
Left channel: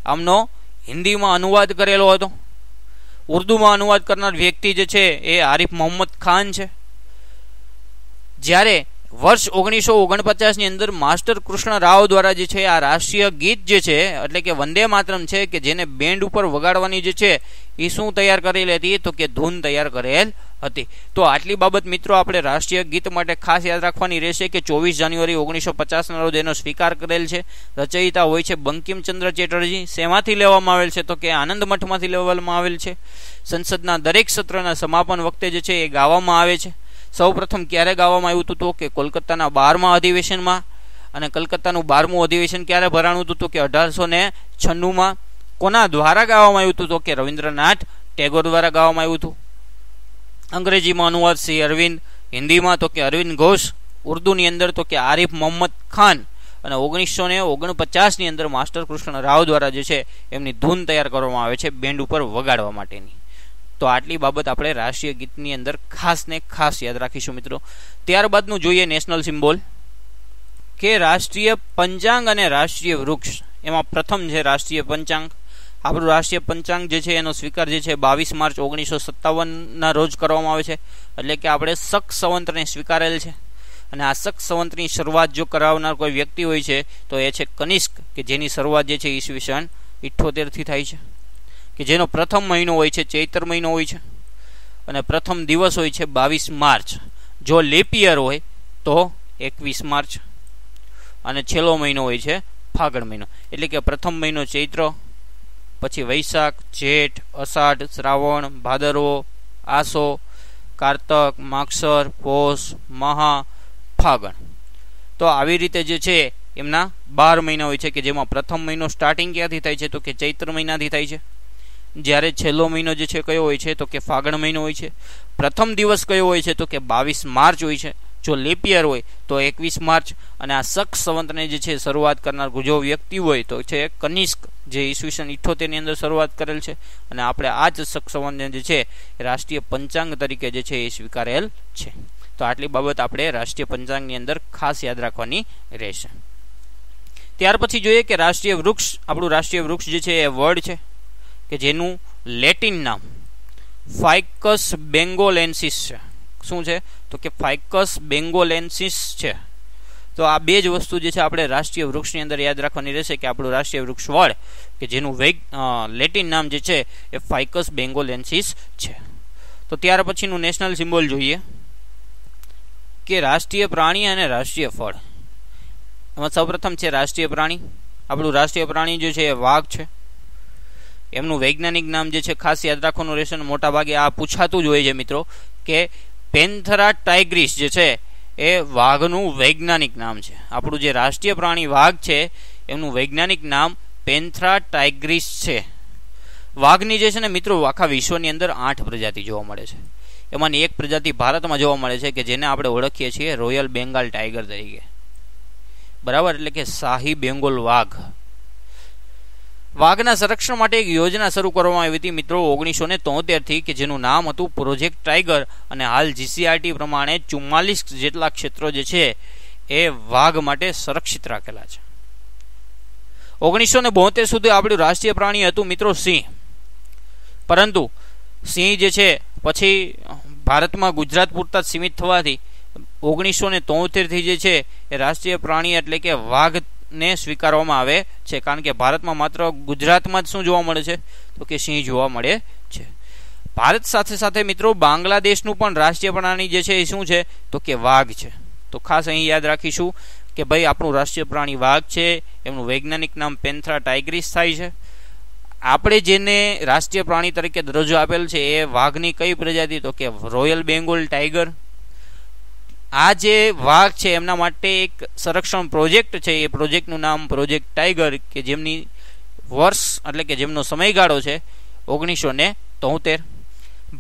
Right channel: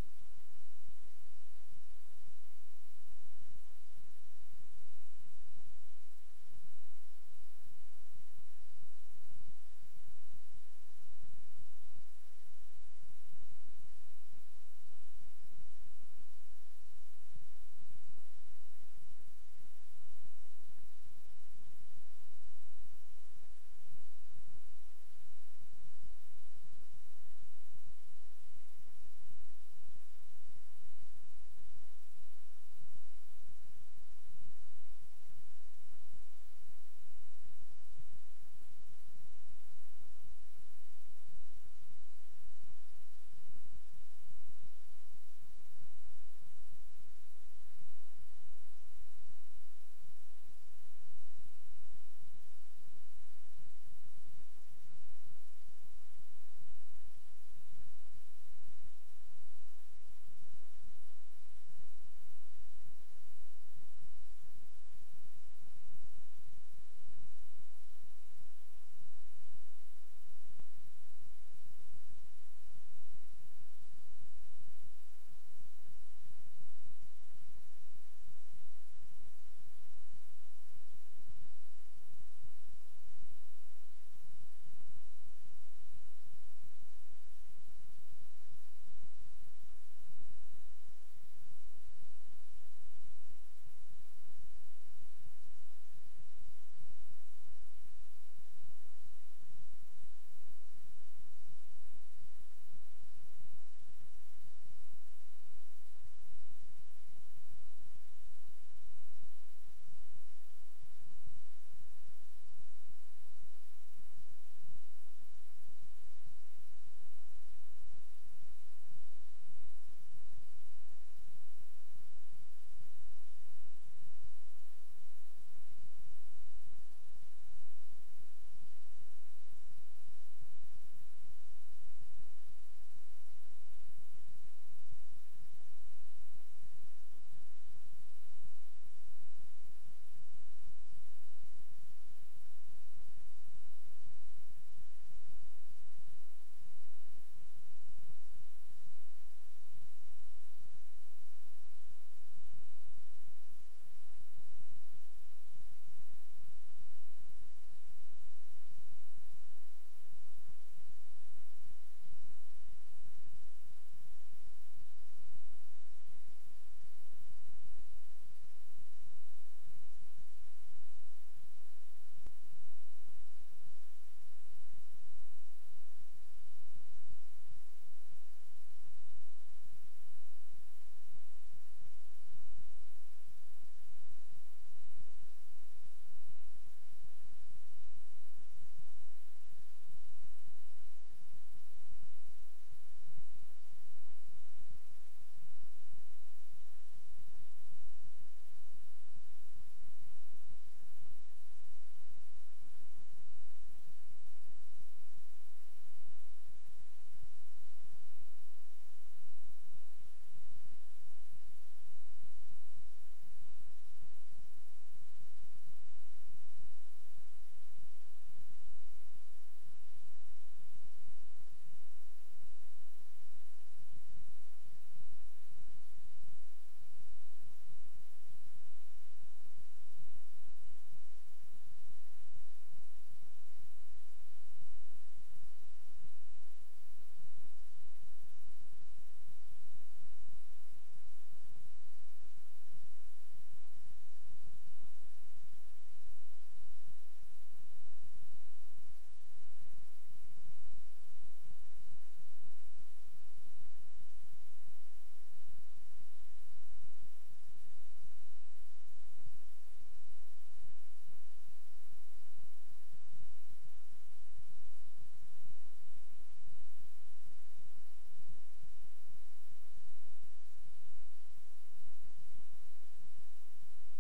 આમનો હિન્દીમાં અનુવાદ કરેલો હતો. ઉર્દુમાં અનુવાદ કરનાર વ્યક્તિ જે છે એ આરિફ મોહમ્મદ ખાન છે. જ્યારે વર્ષ 1949ની અંદર માસ્ટર કૃષ્ણ રાવ દ્વારા જે છે આ રાષ્ટ્રીય ગીત જે છે એટલે કે વંદે માતરમ છે, કે જેને બેન્ડ ઉપર વગાડવાની જે છે એ શું તૈયાર કરેલી હતી તો કે ધૂન તૈયાર કરેલ હતી. તો આટલી બાબત મિત્રો આપણે રાષ્ટ્રીય ગીત માટે ખાસ યાદ રાખવાની રહેશે કે 24 જાન્યુઆરી 1950ના રોજ એનો સ્વીકાર કરેલ છે. રચયિતા હોય છે બંકિમચંદ્ર ચેટર્જી. શેમાંથી લેવામાં આવેલ છે તો કે આનંદ મઠમાંથી લેવામાં આવેલ છે. સંસદના દરેક સત્રના સમાપન વખતે જે છે એ ગાવામાં આવે છે. સૌ પ્રથમ ક્યારે ગાવામાં આવ્યું હતું તો કે કોલકાતાના 12મા અધિવેશનમાં. અને કલકત્તાનું 12મું અધિવેશન ક્યારે ભરાણું હતું તો કે 1896માં. કોના દ્વારા ગાવામાં આવ્યું હતું તો કે રવિન્દ્રનાથ ટેગોર દ્વારા ગાવામાં આવ્યું હતું. અંગ્રેજીમાં અનુવાદ શ્રી અરવિંદ, હિન્દીમાં તો કે અરવિંદ ઘોષ, ઉર્દુની અંદર તો કે આરિફ મોહમ્મદ ખાન, અને 1949ની અંદર માસ્ટર કૃષ્ણ રાવ દ્વારા જે છે એમની ધૂન તૈયાર કરવામાં આવે છે બેન્ડ ઉપર વગાડવા માટેની. તો આટલી બાબત આપણે રાષ્ટ્રીય ગીતની અંદર ખાસ ને ખાસ યાદ રાખીશું મિત્રો. ત્યારબાદનું જોઈએ નેશનલ સિમ્બોલ, કે રાષ્ટ્રીય પંચાંગ અને રાષ્ટ્રીય વૃક્ષ. એમાં પ્રથમ છે રાષ્ટ્રીય પંચાંગ. આપણું રાષ્ટ્રીય પંચાંગ જે છે એનો સ્વીકાર જે છે 22 માર્ચ 1957ના રોજ કરવામાં આવે છે. એટલે કે આપણે શક સંવંતને સ્વીકારેલ છે. અને આ શક સંવંતની શરૂઆત જો કરાવનાર કોઈ વ્યક્તિ હોય છે તો એ છે કનિષ્ક, કે જેની શરૂઆત જે છે ઈસવીસન 78થી થાય છે, કે જેનો પ્રથમ મહિનો હોય છે ચૈત્ર મહિનો હોય છે. અને પ્રથમ દિવસ હોય છે 22 માર્ચ. જો લીપ યર હોય તો 21 માર્ચ, અને છેલ્લો મહિનો હોય છે ફાગણ મહિનો. એટલે કે પ્રથમ મહિનો ચૈત્ર, પછી વૈશાખ, જેઠ, અષાઢ, શ્રાવણ, ભાદરવો, આસો, કારતક, માગસર, પોષ, મહા, ફાગણ. તો આવી રીતે જે છે એમના 12 મહિના હોય છે, કે જેમાં પ્રથમ મહિનો સ્ટાર્ટિંગ ક્યાંથી થાય છે તો કે ચૈત્ર મહિનાથી થાય છે. જ્યારે છેલ્લો મહિનો જે છે કયો હોય છે તો કે ફાગણ મહિનો હોય છે. પ્રથમ દિવસ કયો હોય છે તો કે 22 માર્ચ હોય છે. જો લીપ યર હોય તો 21 માર્ચ. અને આ શક સંવતને જે છે શરૂઆત કરનાર જો વ્યક્તિ હોય તો છે કનિષ્ક, જે ઈસવીસન 78 ની અંદર શરૂઆત કરેલ છે. અને આપણે આ જ શક સંવતને જે છે રાષ્ટ્રીય પંચાંગ તરીકે જે છે એ સ્વીકારેલ છે. તો આટલી બાબત આપણે રાષ્ટ્રીય પંચાંગની અંદર ખાસ યાદ રાખવાની રહેશે. ત્યાર પછી જોઈએ કે રાષ્ટ્રીય વૃક્ષ, આપણું રાષ્ટ્રીય વૃક્ષ જે છે એ વડ છે, કે જેનું લેટિન નામ ફાઇકસ બેંગોલેન્સિસ છે. શું છે તો કે ફાઇકસ બેંગોલેન્સિસ છે. તો આ બે જ વસ્તુ જે છે આપણે રાષ્ટ્રીય વૃક્ષની અંદર યાદ રાખવાની રહેશે, કે આપણું રાષ્ટ્રીય વૃક્ષ વડ, કે જેનું લેટિન નામ જે છે એ ફાઇકસ બેંગોલેન્સિસ છે. તો ત્યાર પછીનું નેશનલ સિમ્બોલ જોઈએ, કે રાષ્ટ્રીય પ્રાણી અને રાષ્ટ્રીય ફળ. એમાં સૌપ્રથમ છે રાષ્ટ્રીય પ્રાણી. આપણું રાષ્ટ્રીય પ્રાણી જે છે એ વાઘ છે. એમનું વૈજ્ઞાનિક નામ જે છે ખાસ યાદ રાખવાનું રહેશે. મોટા ભાગે આ પૂછાતું જ હોય છે મિત્રો, કે પેન્થેરા ટાઇગ્રીસ જે છે એ વાઘનું વૈજ્ઞાનિક નામ છે. આપણું જે રાષ્ટ્રીય પ્રાણી વાઘ છે એમનું વૈજ્ઞાનિક નામ પેન્થેરા ટાઇગ્રીસ છે. વાઘની જે છે ને મિત્રો આખા વિશ્વની અંદર 8 પ્રજાતિ જોવા મળે છે. એમાંની એક પ્રજાતિ ભારતમાં જોવા મળે છે, કે જેને આપણે ઓળખીએ છીએ રોયલ બેંગાલ ટાઈગર તરીકે. બરાબર, એટલે કે શાહી બેંગોલ વાઘ. વાઘના સંરક્ષણ માટે એક યોજના શરૂ કરવામાં આવી હતી મિત્રો 1973 થી, કે જેનું નામ હતું પ્રોજેક્ટ ટાઈગર. અને હાલ જીસીઆરટી પ્રમાણે 44 જેટલા ક્ષેત્રો જે છે એ વાઘ માટે સંરક્ષિત રાખેલા છે. 1972 સુધી આપણું રાષ્ટ્રીય પ્રાણી હતું મિત્રો સિંહ. પરંતુ સિંહ જે છે પછી ભારતમાં ગુજરાત પૂરતા સીમિત થવાથી 1973 થી જે છે એ રાષ્ટ્રીય પ્રાણી એટલે કે વાઘને સ્વીકારવામાં આવે છે. કારણ કે ભારતમાં માત્ર ગુજરાતમાં જ શું જોવા મળે છે તો કે સિંહ જોવા મળે છે. ભારત સાથે સાથે મિત્રો બાંગ્લાદેશનું પણ રાષ્ટ્રીય પ્રાણી જે છે એ શું છે તો કે વાઘ છે. તો ખાસ અહીં યાદ રાખીશું કે ભાઈ આપણું રાષ્ટ્રીય પ્રાણી વાઘ છે. એમનું વૈજ્ઞાનિક નામ પેન્થેરા ટાઇગ્રીસ થાય છે. આપણે જેને રાષ્ટ્રીય પ્રાણી તરીકે દરજ્જો આપેલ છે એ વાઘની કઈ પ્રજાતિ તો કે રોયલ બેંગોલ ટાઈગર. આ જે વાઘ છે એમના માટે એક સંરક્ષણ પ્રોજેક્ટ છે. એ પ્રોજેક્ટનું નામ પ્રોજેક્ટ ટાઈગર, કે જેમની વર્ષ એટલે કે જેમનો સમયગાળો છે 1973.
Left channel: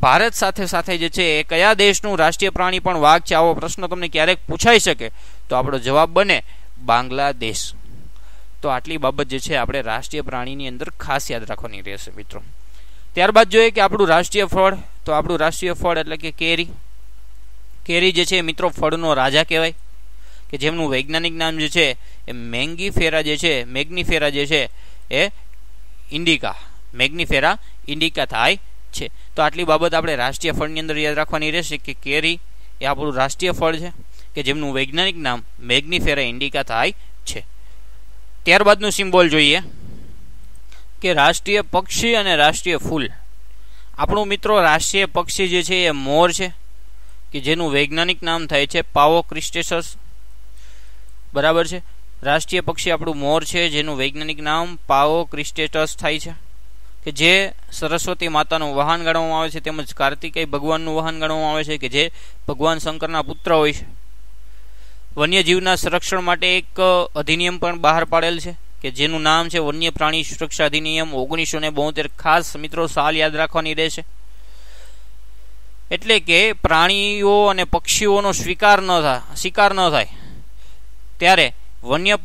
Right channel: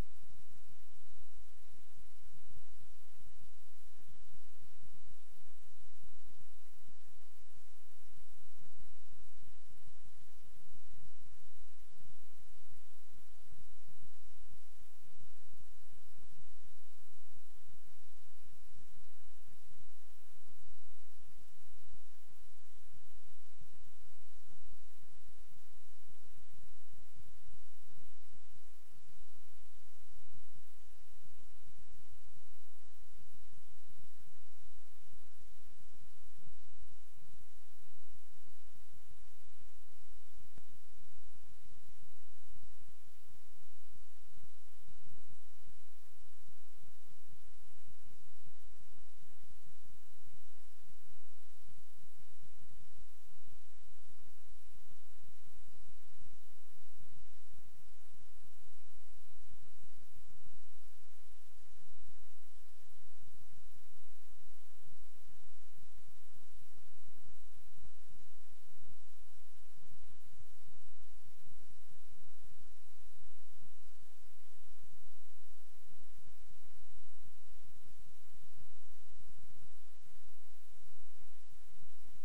ભારત સાથે સાથે જે છે એ કયા દેશનું રાષ્ટ્રીય પ્રાણી પણ વાઘ છે, આવો પ્રશ્ન તમને ક્યારેક પૂછાઈ શકે તો આપણો જવાબ બને બાંગ્લાદેશ. તો આટલી બાબત જે છે આપણે રાષ્ટ્રીય પ્રાણીની અંદર ખાસ યાદ રાખવાની રહેશે મિત્રો. ત્યારબાદ જોઈએ કે આપણું રાષ્ટ્રીય ફળ. તો આપણું રાષ્ટ્રીય ફળ એટલે કે કેરી. કેરી જે છે મિત્રો ફળનો રાજા કહેવાય, કે જેમનું વૈજ્ઞાનિક નામ જે છે એ મેંગીફેરા જે છે એ ઇન્ડિકા, મેગ્નીફેરા ઇન્ડિકા થાય છે. તો આટલી બાબત આપણે રાષ્ટ્રીય ફળની અંદર યાદ રાખવાની રહેશે, કે કેરી એ આપણું રાષ્ટ્રીય ફળ છે, કે જેમનું વૈજ્ઞાનિક નામ મેગ્નીફેરા ઇન્ડિકા થાય છે. ત્યારબાદનું સિમ્બોલ જોઈએ, કે રાષ્ટ્રીય પક્ષી અને રાષ્ટ્રીય ફૂલ. આપણું મિત્રો રાષ્ટ્રીય પક્ષી જે છે એ મોર છે, કે જેનું વૈજ્ઞાનિક નામ થાય છે પાવો ક્રિસ્ટેસસ. બરાબર છે. રાષ્ટ્રીય પક્ષી આપણું મોર છે, જેનું વૈજ્ઞાનિક નામ પાવો ક્રિસ્ટેસસ થાય છે, કે જે સરસ્વતી માતાનું વાહન ગણવામાં આવે છે, તેમજ કાર્તિકેય ભગવાનનું વાહન ગણવામાં આવે છે, કે જે ભગવાન શંકરના પુત્ર હોય છે. વન્યજીવના સંરક્ષણ માટે એક અધિનિયમ પણ બહાર પાડેલ છે, કે જેનું નામ છે વન્ય પ્રાણી સુરક્ષા અધિનિયમ 1972. ખાસ મિત્રો સાલ યાદ રાખવાની રહેશે. એટલે કે પ્રાણીઓ અને પક્ષીઓનો શિકાર ન થાય ત્યારે વન્ય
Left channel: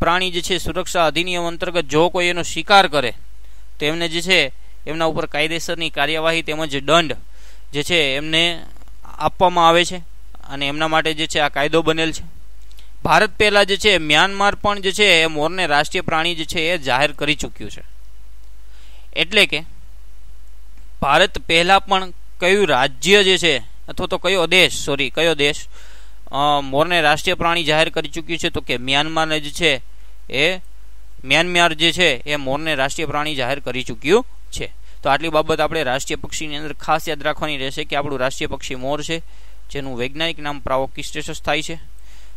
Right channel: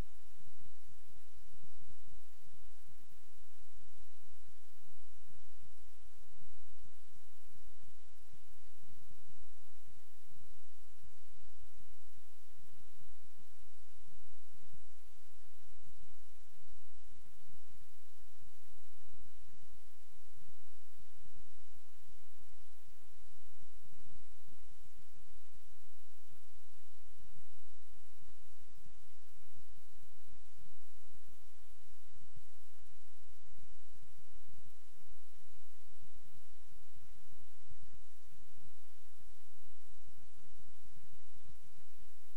પ્રાણી જે છે સુરક્ષા અધિનિયમ અંતર્ગત જો કોઈ એનો શિકાર કરે તો એમને જે છે એમના ઉપર કાયદેસરની કાર્યવાહી તેમજ દંડ જે છે એમને આપવામાં આવે છે. અને એમના માટે જે છે આ કાયદો બનેલ છે. ભારત પહેલા જે છે મ્યાનમાર પણ જે છે એ મોરને રાષ્ટ્રીય પ્રાણી જે છે એ જાહેર કરી ચૂક્યું છે. એટલે કે ભારત પહેલા પણ કયું રાજ્ય જે છે અથવા તો કયો દેશ મોરને રાષ્ટ્રીય પ્રાણી જાહેર કરી ચૂક્યું છે તો કે મ્યાનમાર જે છે એ મોરને રાષ્ટ્રીય પ્રાણી જાહેર કરી ચૂક્યું છે. તો આટલી બાબત આપણે રાષ્ટ્રીય પક્ષીની અંદર ખાસ યાદ રાખવાની રહેશે કે આપણું રાષ્ટ્રીય પક્ષી મોર છે, જેનું વૈજ્ઞાનિક નામ પ્રાવોકિસ્ટેસસ થાય છે.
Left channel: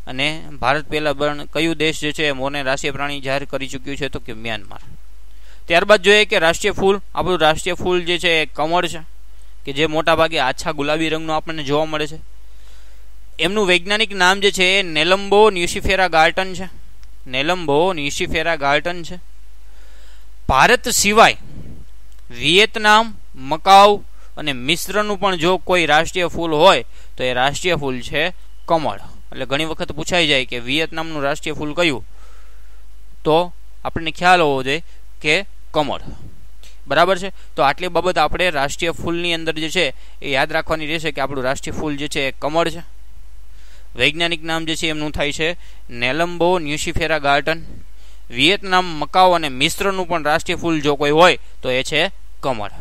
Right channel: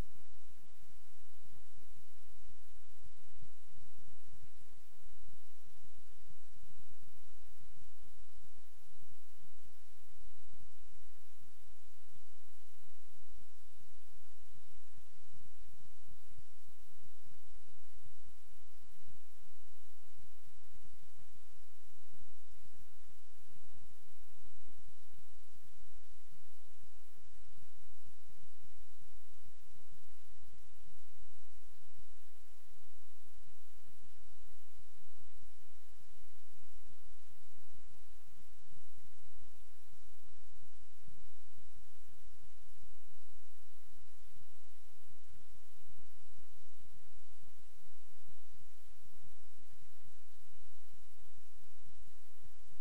અને ભારત પહેલા પણ કયું દેશ જે છે મોરને રાષ્ટ્રીય પ્રાણી જાહેર કરી ચૂક્યું છે, તો કે મ્યાનમાર. ત્યારબાદ જોઈએ કે રાષ્ટ્રીય ફૂલ, આપણું રાષ્ટ્રીય ફૂલ જે છે એ કમળ છે, કે જે મોટા ભાગે આછા ગુલાબી રંગનું આપણને જોવા મળે છે. એમનું વૈજ્ઞાનિક નામ જે છે એ નેલમ્બો ન્યુસિફેરા ગાર્ટન છે. નેલમ્બો ન્યુસિફેરા ગાર્ટન છે. ભારત સિવાય વિયેતનામ, મકાઉ અને મિસ્રનું પણ જો કોઈ રાષ્ટ્રીય ફૂલ હોય તો એ રાષ્ટ્રીય ફૂલ છે કમળ. એટલે ઘણી વખત પૂછાઈ જાય કે વિયેતનામનું રાષ્ટ્રીય ફૂલ કયું, તો આપણને ખ્યાલ હોવો જોઈએ કે કમળ. બરાબર છે. તો આટલી બાબત આપણે રાષ્ટ્રીય ફૂલની અંદર જે છે એ યાદ રાખવાની રહેશે કે આપણું રાષ્ટ્રીય ફૂલ જે છે એ કમળ છે. વૈજ્ઞાનિક નામ જે છે એમનું થાય છે નેલમ્બો ન્યુસિફેરા ગાર્ટન. વિયેતનામ, મકાઉ અને મિસ્રનું પણ રાષ્ટ્રીય ફૂલ જો કોઈ હોય તો એ છે કમળ.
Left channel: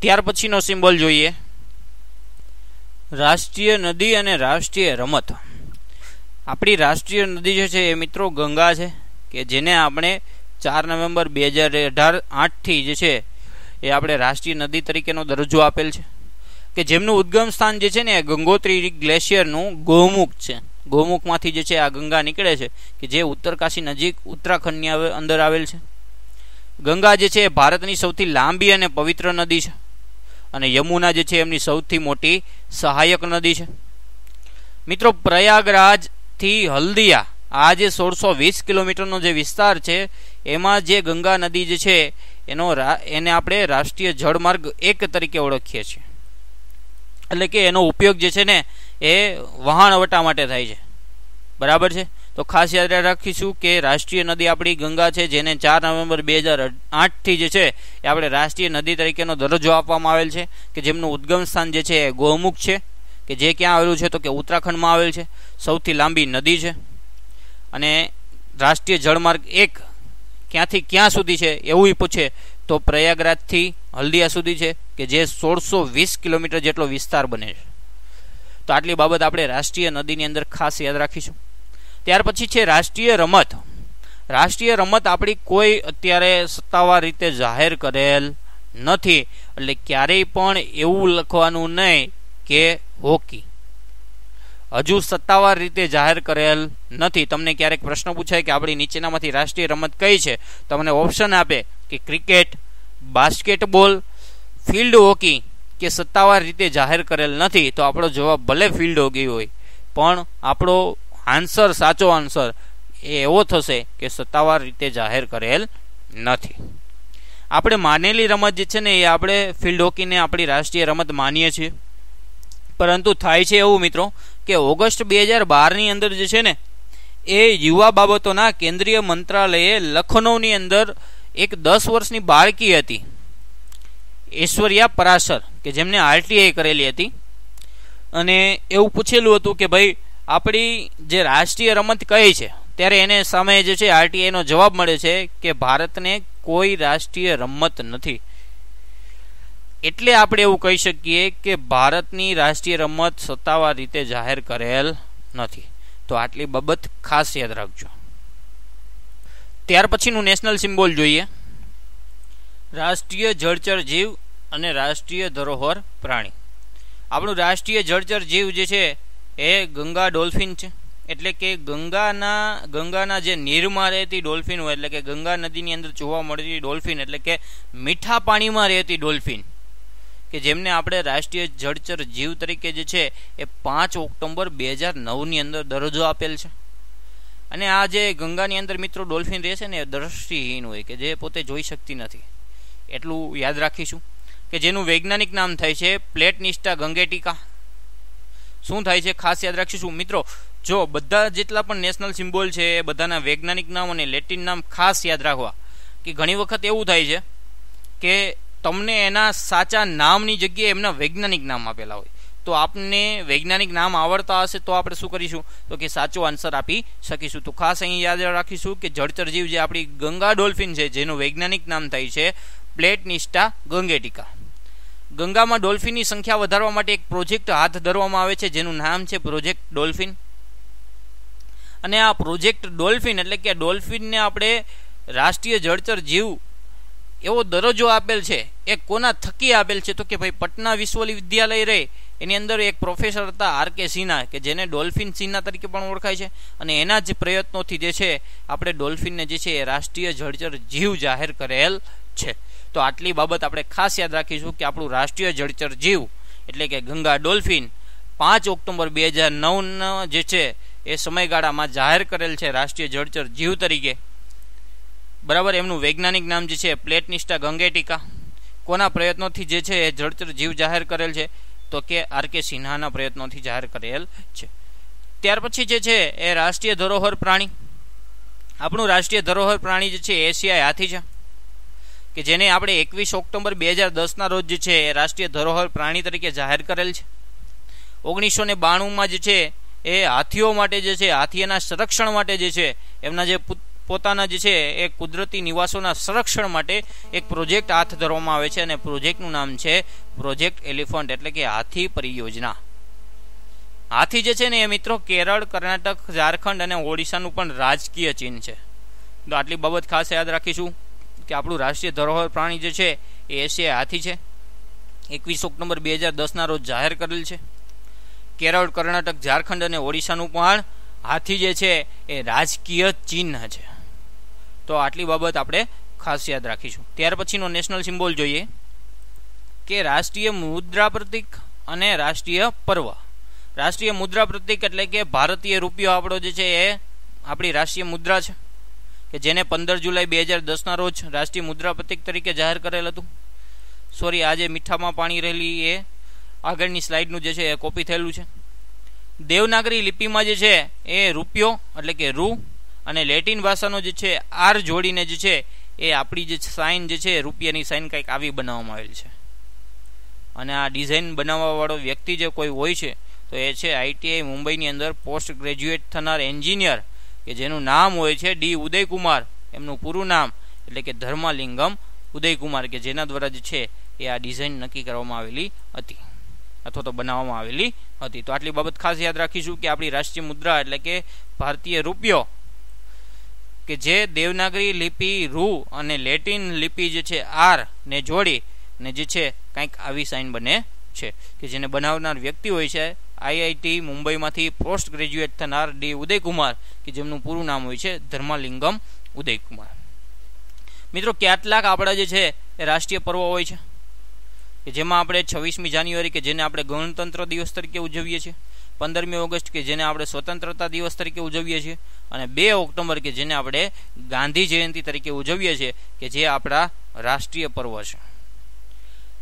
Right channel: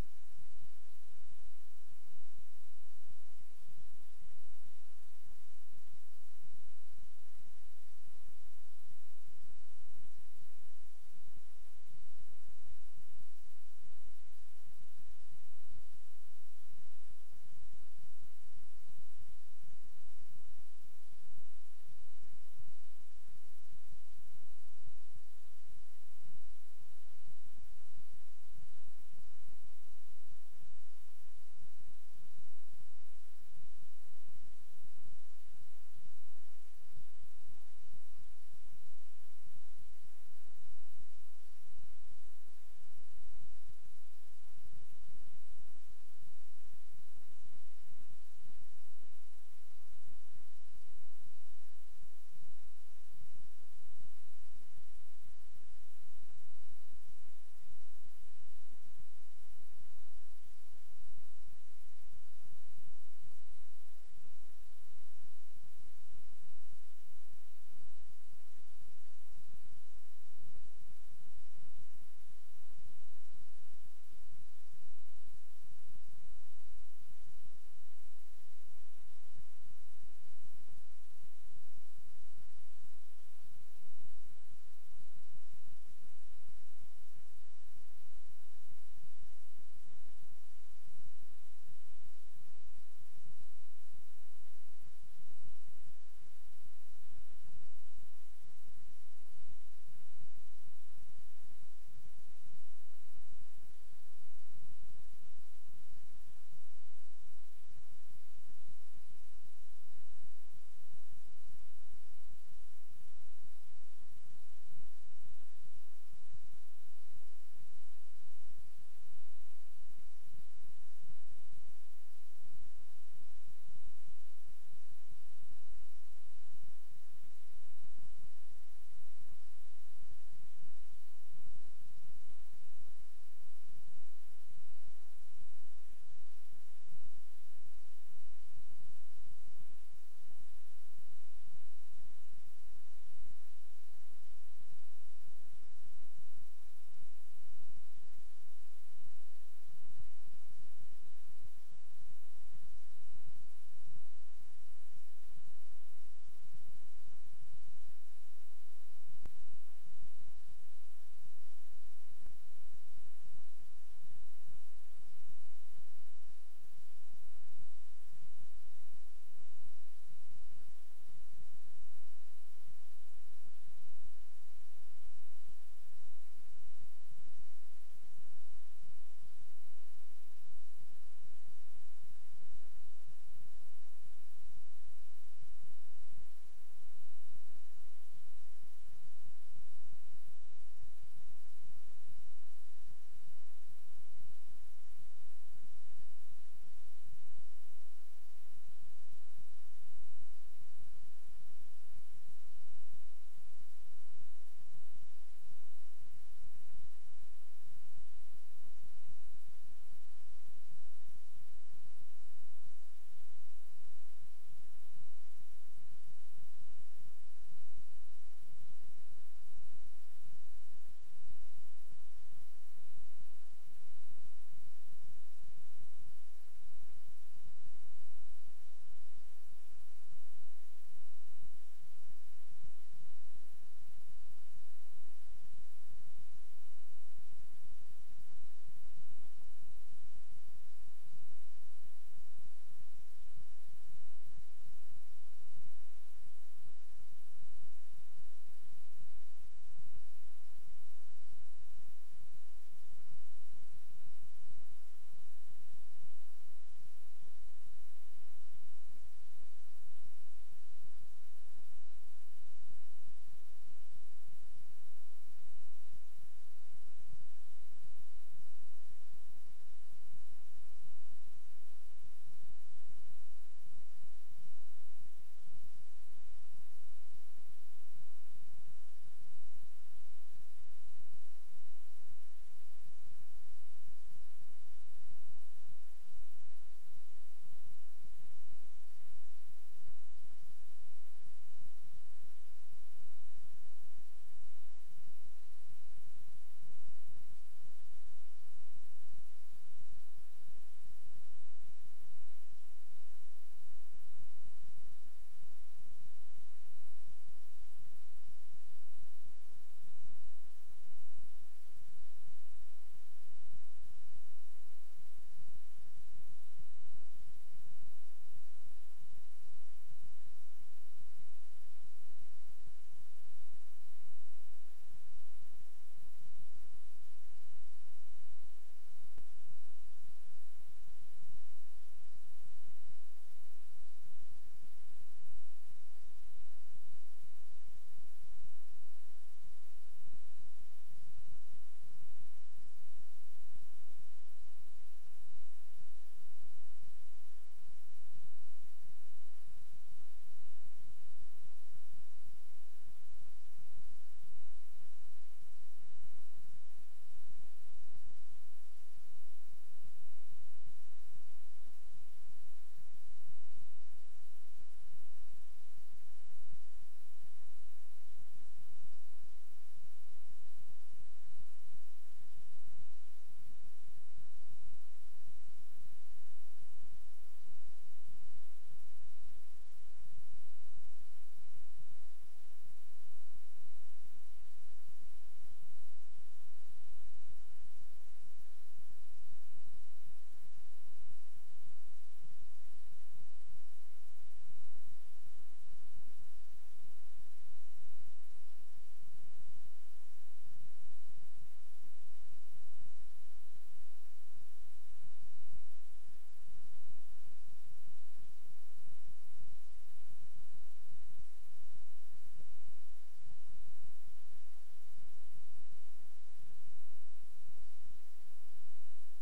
ત્યાર પછીનો સિમ્બોલ જોઈએ, રાષ્ટ્રીય નદી અને રાષ્ટ્રીય રમત. આપણી રાષ્ટ્રીય નદી જે છે એ મિત્રો ગંગા છે, કે જેને આપણે 4 નવેમ્બર 2008થી જે છે એ આપણે રાષ્ટ્રીય નદી તરીકેનો દરજ્જો આપેલ છે, કે જેમનું ઉદ્ગમ સ્થાન જે છે ને ગંગોત્રી ગ્લેશિયરનું ગૌમુખ છે. ગૌમુખમાંથી જે છે આ ગંગા નીકળે છે, કે જે ઉત્તરકાશી નજીક ઉત્તરાખંડની અંદર આવેલ છે. ગંગા જે છે એ ભારતની સૌથી લાંબી અને પવિત્ર નદી છે, અને યમુના જે છે એમની સૌથી મોટી સહાયક નદી છે. મિત્રો પ્રયાગરાજથી હલ્દિયા આ જે 1620 કિલોમીટરનો જે વિસ્તાર છે એમાં જે ગંગા નદી જે છે એને આપણે રાષ્ટ્રીય જળમાર્ગ 1 તરીકે ઓળખીએ છીએ. એટલે કે એનો ઉપયોગ જે છે ને એ વહાણવટા માટે થાય છે. બરાબર છે. તો ખાસ યાદ રાખીશું કે રાષ્ટ્રીય નદી આપણી ગંગા છે, જેને 4 નવેમ્બર 2008થી જે છે એ આપણે રાષ્ટ્રીય નદી તરીકેનો દરજ્જો આપવામાં આવેલ છે, કે જેમનું ઉદ્ગમ સ્થાન જે છે એ ગૌમુખ છે, કે જે ક્યાં આવેલું છે તો કે ઉત્તરાખંડમાં આવેલ છે. સૌથી લાંબી નદી છે, અને રાષ્ટ્રીય જળમાર્ગ 1 ક્યાંથી ક્યાં સુધી છે એવું પૂછે તો પ્રયાગરાજથી હલ્દિયા સુધી છે, કે જે 1620 કિલોમીટર જેટલો વિસ્તાર બને છે. તો આટલી બાબત આપણે રાષ્ટ્રીય નદીની અંદર ખાસ યાદ રાખીશું. ત્યાર પછી છે રાષ્ટ્રીય રમત. રાષ્ટ્રીય રમત આપણી કોઈ અત્યારે સત્તાવાર રીતે જાહેર કરેલ નથી, એટલે ક્યારેય પણ એવું લખવાનું નહીં કે હોકી. હજુ સત્તાવાર રીતે જાહેર કરેલ નથી. તમને ક્યારેક પ્રશ્ન પૂછાય કે આપણી નીચેનામાંથી રાષ્ટ્રીય રમત કઈ છે, તમને ઓપ્શન આપે કે ક્રિકેટ, બાસ્કેટબોલ, ફિલ્ડ હોકી કે સત્તાવાર રીતે જાહેર કરેલ નથી, તો આપણો જવાબ ભલે ફિલ્ડ હોકી હોય, પણ આપણો આન્સર, સાચો આન્સર એ એવો થશે કે સત્તાવાર રીતે જાહેર કરેલ નથી. આપણે માનેલી રમત જે છે ને એ આપણે ફિલ્ડ હોકીને આપણી રાષ્ટ્રીય રમત માનીએ છીએ, પરંતુ થાય છે એવું મિત્રો કે ઓગસ્ટ 2012ની અંદર જે છે ને એ યુવા બાબતોના કેન્દ્રીય મંત્રાલયે લખનૌની અંદર એક 10 વર્ષની બાળકી હતી, ઐશ્વર્યા પરાશર, કે જેમને આરટીઆઈ કરેલી હતી, અને એવું પૂછેલું હતું કે ભાઈ આપણી જે રાષ્ટ્રીય રમત કઈ છે, ત્યારે એને સામે જે છે આરટીઆઈનો જવાબ મળે છે કે ભારતને કોઈ રાષ્ટ્રીય રમત નથી. એટલે આપણે એવું કહી શકીએ કે ભારતની રાષ્ટ્રીય રમત સત્તાવાર રીતે જાહેર કરેલ નથી. તો આટલી બાબત ખાસ યાદ રાખજો. ત્યાર પછીનું નેશનલ સિમ્બોલ જોઈએ, રાષ્ટ્રીય જળચર જીવ અને રાષ્ટ્રીય ધરોહર પ્રાણી. આપણું રાષ્ટ્રીય જળચર જીવ જે છે એ ગંગા ડોલ્ફિન છે. એટલે કે ગંગાના જે નીરમાં રહેતી ડોલ્ફિન હોય, એટલે કે ગંગા નદીની અંદર જોવા મળતી ડોલ્ફિન, એટલે કે મીઠા પાણીમાં રહેતી ડોલ્ફિન, કે જેમને આપણે રાષ્ટ્રીય જળચર જીવ તરીકે જે છે એ 5 ઓક્ટોબર 2009ની અંદર દરજ્જો આપેલ છે. અને આ જે ગંગાની અંદર મિત્રો ડોલ્ફિન રહે છે ને એ દ્રષ્ટિહીન હોય, કે જે પોતે જોઈ શકતી નથી. એટલું યાદ રાખીશું, કે જેનું વૈજ્ઞાનિક નામ થાય છે પ્લેટનિસ્ટા ગંગેટિકા. શું થાય છે ખાસ યાદ રાખીશું મિત્રો. જો બધા જેટલા પણ નેશનલ સિમ્બોલ છે એ બધાના વૈજ્ઞાનિક નામ અને લેટિન નામ ખાસ યાદ રાખવા, કે ઘણી વખત એવું થાય છે કે તમને એના સાચા નામની જગ્યાએ એમના વૈજ્ઞાનિક નામ આપેલા હોય, તો આપને વૈજ્ઞાનિક નામ આવડતા હશે તો આપણે શું કરીશું તો કે સાચો આન્સર આપી શકીશું. તો ખાસ અહીં યાદ રાખીશું કે જળચર જીવ જે આપણી ગંગા ડોલ્ફિન છે, જેનું વૈજ્ઞાનિક નામ થાય છે પ્લેટનિસ્ટા ગંગેટિકા. ગંગામાં ડોલ્ફિનની સંખ્યા વધારવા માટે એક પ્રોજેક્ટ હાથ ધરવામાં આવે છે, જેનું નામ છે પ્રોજેક્ટ ડોલ્ફિન. અને આ પ્રોજેક્ટ ડોલ્ફિન એટલે કે ડોલ્ફિનને આપણે રાષ્ટ્રીય જળચર જીવ એવો દરજ્જો આપેલ છે એ કોના થકી આપેલ છે? તો કે ભાઈ પટના વિશ્વવિદ્યાલય રહે એની અંદર એક પ્રોફેસર હતા આર.કે. સિન્હા, કે જેને ડોલ્ફિન સિન્હા તરીકે પણ ઓળખાય છે, અને એના જ પ્રયત્નોથી જે છે આપણે ડોલ્ફિનને જે છે એ રાષ્ટ્રીય જળચર જીવ જાહેર કરેલ છે. તો આટલી બાબત આપણે ખાસ યાદ રાખીશું કે આપણું રાષ્ટ્રીય જળચર જીવ એટલે કે ગંગા ડોલ્ફિન 5 ઓક્ટોબર 2009 જે છે એ સમયગાળામાં જાહેર કરેલ છે રાષ્ટ્રીય જળચર જીવ તરીકે. બરાબર. એમનું વૈજ્ઞાનિક નામ જે છે પ્લેટનિસ્ટા ગંગેટિકા. કોના પ્રયત્નોથી જે છે એ જળચર જીવ જાહેર કરેલ છે? તો કે આર.કે. સિન્હાના પ્રયત્નોથી જાહેર કરેલ છે. ત્યાર પછી જે છે એ રાષ્ટ્રીય ધરોહર પ્રાણી. આપણું રાષ્ટ્રીય ધરોહર પ્રાણી જે છે એશિયાઈ હાથી છે, કે જેને આપણે 21 ઓક્ટોબર 2010 રોજ જે છે એ રાષ્ટ્રીય ધરોહર પ્રાણી તરીકે જાહેર કરેલ છે. 1992 જે છે એ હાથીઓ માટે જે છે હાથીના સંરક્ષણ માટે જે છે એમના જે પોતાના જે છે એ કુદરતી નિવાસોના સંરક્ષણ માટે એક પ્રોજેક્ટ હાથ ધરવામાં આવે છે, અને પ્રોજેક્ટનું નામ છે પ્રોજેક્ટ એલિફન્ટ એટલે કે હાથી પરિયોજના. હાથી જે છે ને એ મિત્રો કેરળ, કર્ણાટક, ઝારખંડ અને ઓડિશાનું પણ રાજકીય ચિહ્ન છે. તો આટલી બાબત ખાસ યાદ રાખીશું કે આપણું રાષ્ટ્રીય ધરોહર પ્રાણી જે છે એ એશિયાઈ હાથી છે. 21 ઓક્ટોબર 2010 રોજ જાહેર કરેલ છે. કેરળ, કર્ણાટક, ઝારખંડ અને ઓડિશાનું પણ હાથી જે છે એ રાજકીય ચિહ્ન છે. તો આટલી બાબત આપણે ખાસ યાદ રાખીશું. ત્યાર પછીનો નેશનલ સિમ્બોલ જોઈએ કે રાષ્ટ્રીય મુદ્રા પ્રતીક અને રાષ્ટ્રીય પર્વ. રાષ્ટ્રીય મુદ્રા પ્રતીક એટલે કે ભારતીય રૂપિયો આપણો જે છે એ આપણી રાષ્ટ્રીય મુદ્રા છે, કે જેને 15 જુલાઈ 2010 રોજ રાષ્ટ્રીય મુદ્રા પ્રતીક તરીકે જાહેર કરેલ હતું. સોરી, આજે મીઠામાં પાણી રહેલી એ આગળની સ્લાઇડનું જે છે એ કોપી થયેલું છે. દેવનાગરી લિપિમાં જે છે એ રૂપિયો એટલે કે રૂ અને લેટિન ભાષાનો જે છે આર જોડીને જે છે એ આપણી જે સાઇન જે છે રૂપિયાની સાઇન કંઈક આવી બનાવવામાં આવેલી છે. અને આ ડિઝાઇન બનાવવાવાળો વ્યક્તિ જે કોઈ હોય છે તો એ છે આઈટીઆઈ મુંબઈની અંદર પોસ્ટ ગ્રેજ્યુએટ થનાર એન્જિનિયર, કે જેનું નામ હોય છે ડી ઉદયકુમાર. એમનું પૂરું નામ એટલે કે ધર્માલિંગમ ઉદયકુમાર, કે જેના દ્વારા જે છે એ આ ડિઝાઇન નક્કી કરવામાં આવેલી હતી અથવા તો બનાવવામાં આવેલી હતી. તો આટલી બાબત ખાસ યાદ રાખીશું કે આપણી રાષ્ટ્રીય મુદ્રા એટલે કે ભારતીય રૂપિયો, કે જે દેવનાગરી લિપિ રૂ અને લેટિન લિપિ જે છે આર ને જોડી ને જે છે કંઈક આવી સાઇન બને છે, કે જેને બનાવનાર વ્યક્તિ હોય છે આઈઆઈટી મુંબઈમાંથી પોસ્ટ ગ્રેજ્યુએટ થનાર ડી ઉદયકુમાર, કે જેમનું પૂરું નામ હોય છે ધર્માલિંગમ ઉદયકુમાર. મિત્રો, કેટલાક આપણા જે છે એ રાષ્ટ્રીય પર્વ હોય છે, કે જેમાં આપણે 26મી જાન્યુઆરી કે જેને આપણે ગણતંત્ર દિવસ તરીકે ઉજવીએ છીએ, 15મી ઓગસ્ટ કે જેને આપણે સ્વતંત્રતા દિવસ તરીકે ઉજવીએ છીએ, અને 2 ઓક્ટોબર કે જેને આપણે ગાંધી જયંતિ તરીકે ઉજવીએ છીએ, કે જે આપણા રાષ્ટ્રીય પર્વ છે.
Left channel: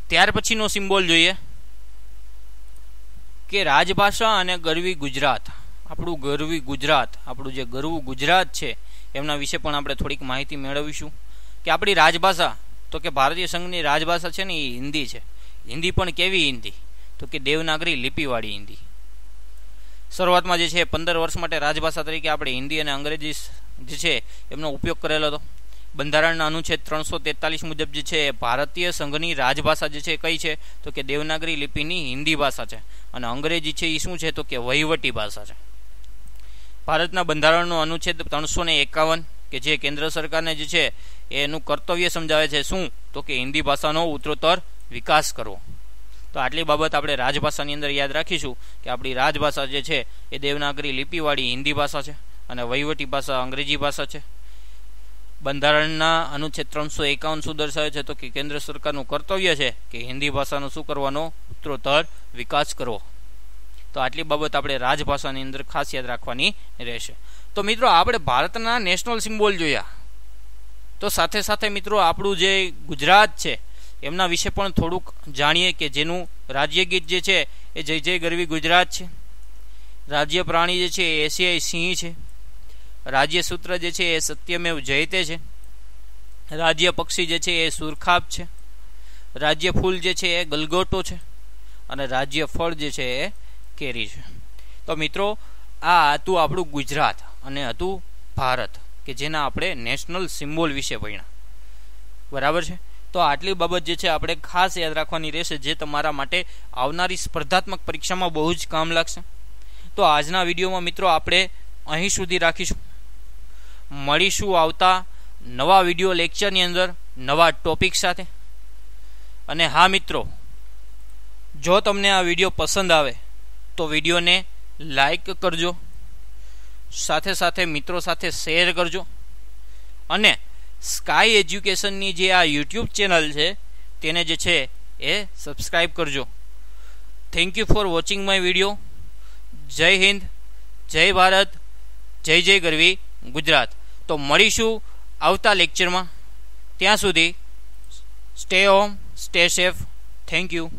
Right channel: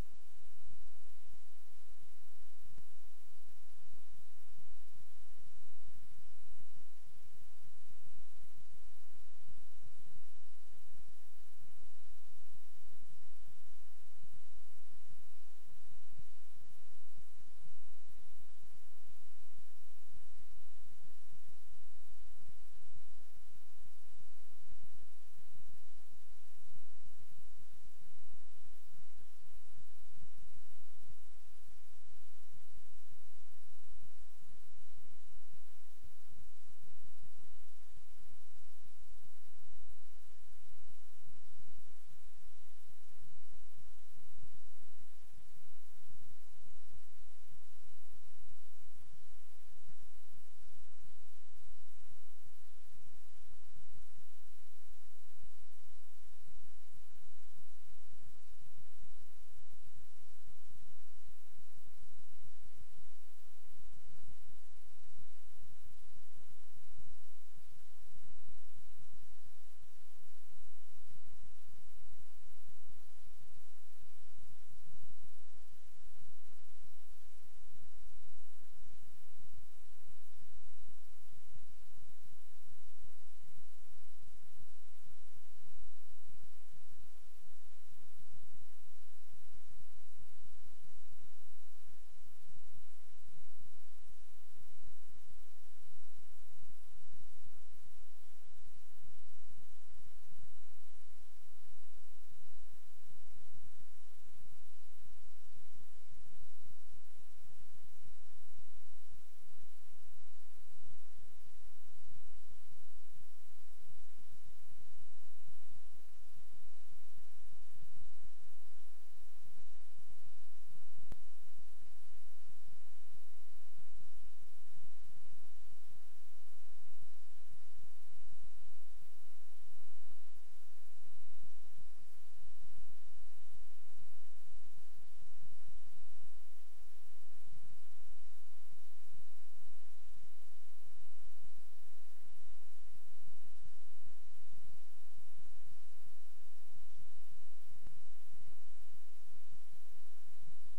ત્યાર પછીનો સિમ્બોલ જોઈએ કે રાજભાષા અને ગરવી ગુજરાત. આપણું ગરવી ગુજરાત, આપણું જે ગરવું ગુજરાત છે એમના વિશે પણ આપણે થોડીક માહિતી મેળવીશું. કે આપણી રાજભાષા તો કે ભારતીય સંઘની રાજભાષા છે ને એ હિન્દી છે. હિન્દી પણ કેવી હિન્દી? તો કે દેવનાગરી લિપિવાળી હિન્દી. શરૂઆતમાં જે છે 15 વર્ષ માટે રાજભાષા તરીકે આપણે હિન્દી અને અંગ્રેજી જે છે એમનો ઉપયોગ કરેલો હતો. બંધારણના અનુચ્છેદ 343 મુજબ જે છે ભારતીય સંઘની રાજભાષા જે છે કઈ છે? તો કે દેવનાગરી લિપિની હિન્દી ભાષા છે, અને અંગ્રેજી છે એ શું છે? તો કે વહીવટી ભાષા છે. ભારતના બંધારણનો અનુચ્છેદ 351 કે જે કેન્દ્ર સરકારને જે છે એનું કર્તવ્ય સમજાવે છે શું? તો કે હિન્દી ભાષાનો ઉત્તરોત્તર વિકાસ કરવો. તો આટલી બાબત આપણે રાજભાષાની અંદર યાદ રાખીશું કે આપણી રાજભાષા જે છે એ દેવનાગરી લિપિવાળી હિન્દી ભાષા છે, અને વહીવટી ભાષા અંગ્રેજી ભાષા છે. બંધારણના અનુચ્છેદ 351 શું દર્શાવે છે? તો કે કેન્દ્ર સરકારનું કર્તવ્ય છે કે હિન્દી ભાષાનો શું કરવાનો? ઉત્તરોત્તર વિકાસ કરવો. તો આટલી બાબત આપણે રાજભાષાની અંદર ખાસ યાદ રાખવાની રહેશે. તો મિત્રો, આપણે ભારતના નેશનલ સિમ્બોલ જોયા, તો સાથે સાથે મિત્રો આપણું જે ગુજરાત છે એમના વિશે પણ થોડુંક જાણીએ, કે જેનું રાજ્ય ગીત જે છે એ જય જય ગરવી ગુજરાત છે. રાજ્ય પ્રાણી જે છે એ એશિયાઈ સિંહ છે. રાજ્ય સૂત્ર જે છે એ સત્યમેવ જયતે છે. રાજ્ય પક્ષી જે છે એ સુરખાબ છે. રાજ્ય ફૂલ જે છે એ ગલગોટો છે, અને રાજ્ય ફળ જે છે એ કેરી છે. તો મિત્રો, આ હતું આપણું ગુજરાત અને હતું ભારત, કે જેના આપણે નેશનલ સિમ્બોલ વિશે ભણ્યા. બરાબર છે. તો આટલી બાબત જે છે આપણે ખાસ યાદ રાખવાની રહેશે, જે તમારા માટે આવનારી સ્પર્ધાત્મક પરીક્ષામાં બહુ જ કામ લાગશે. તો આજના વિડીયોમાં મિત્રો આપણે અહીં સુધી રાખીશું. મળીશું આવતા નવા વિડીયો લેક્ચરની અંદર. નવા ટોપિક સાથે. અને હા મિત્રો, જો તમને આ વિડીયો પસંદ આવે તો વિડીયોને લાઈક કરજો, સાથે સાથે મિત્રો સાથે શેર કરજો, અને સ્કાય એજ્યુકેશનની જે આ યુટ્યુબ ચેનલ છે તેને જે છે એ સબસ્ક્રાઈબ કરજો. Thank you for watching my video. જય હિન્દ, જય ભારત, જય જય ગરવી ગુજરાત. તો મળીશું આવતા લેક્ચરમાં. ત્યાં સુધી stay home, stay safe. Thank you.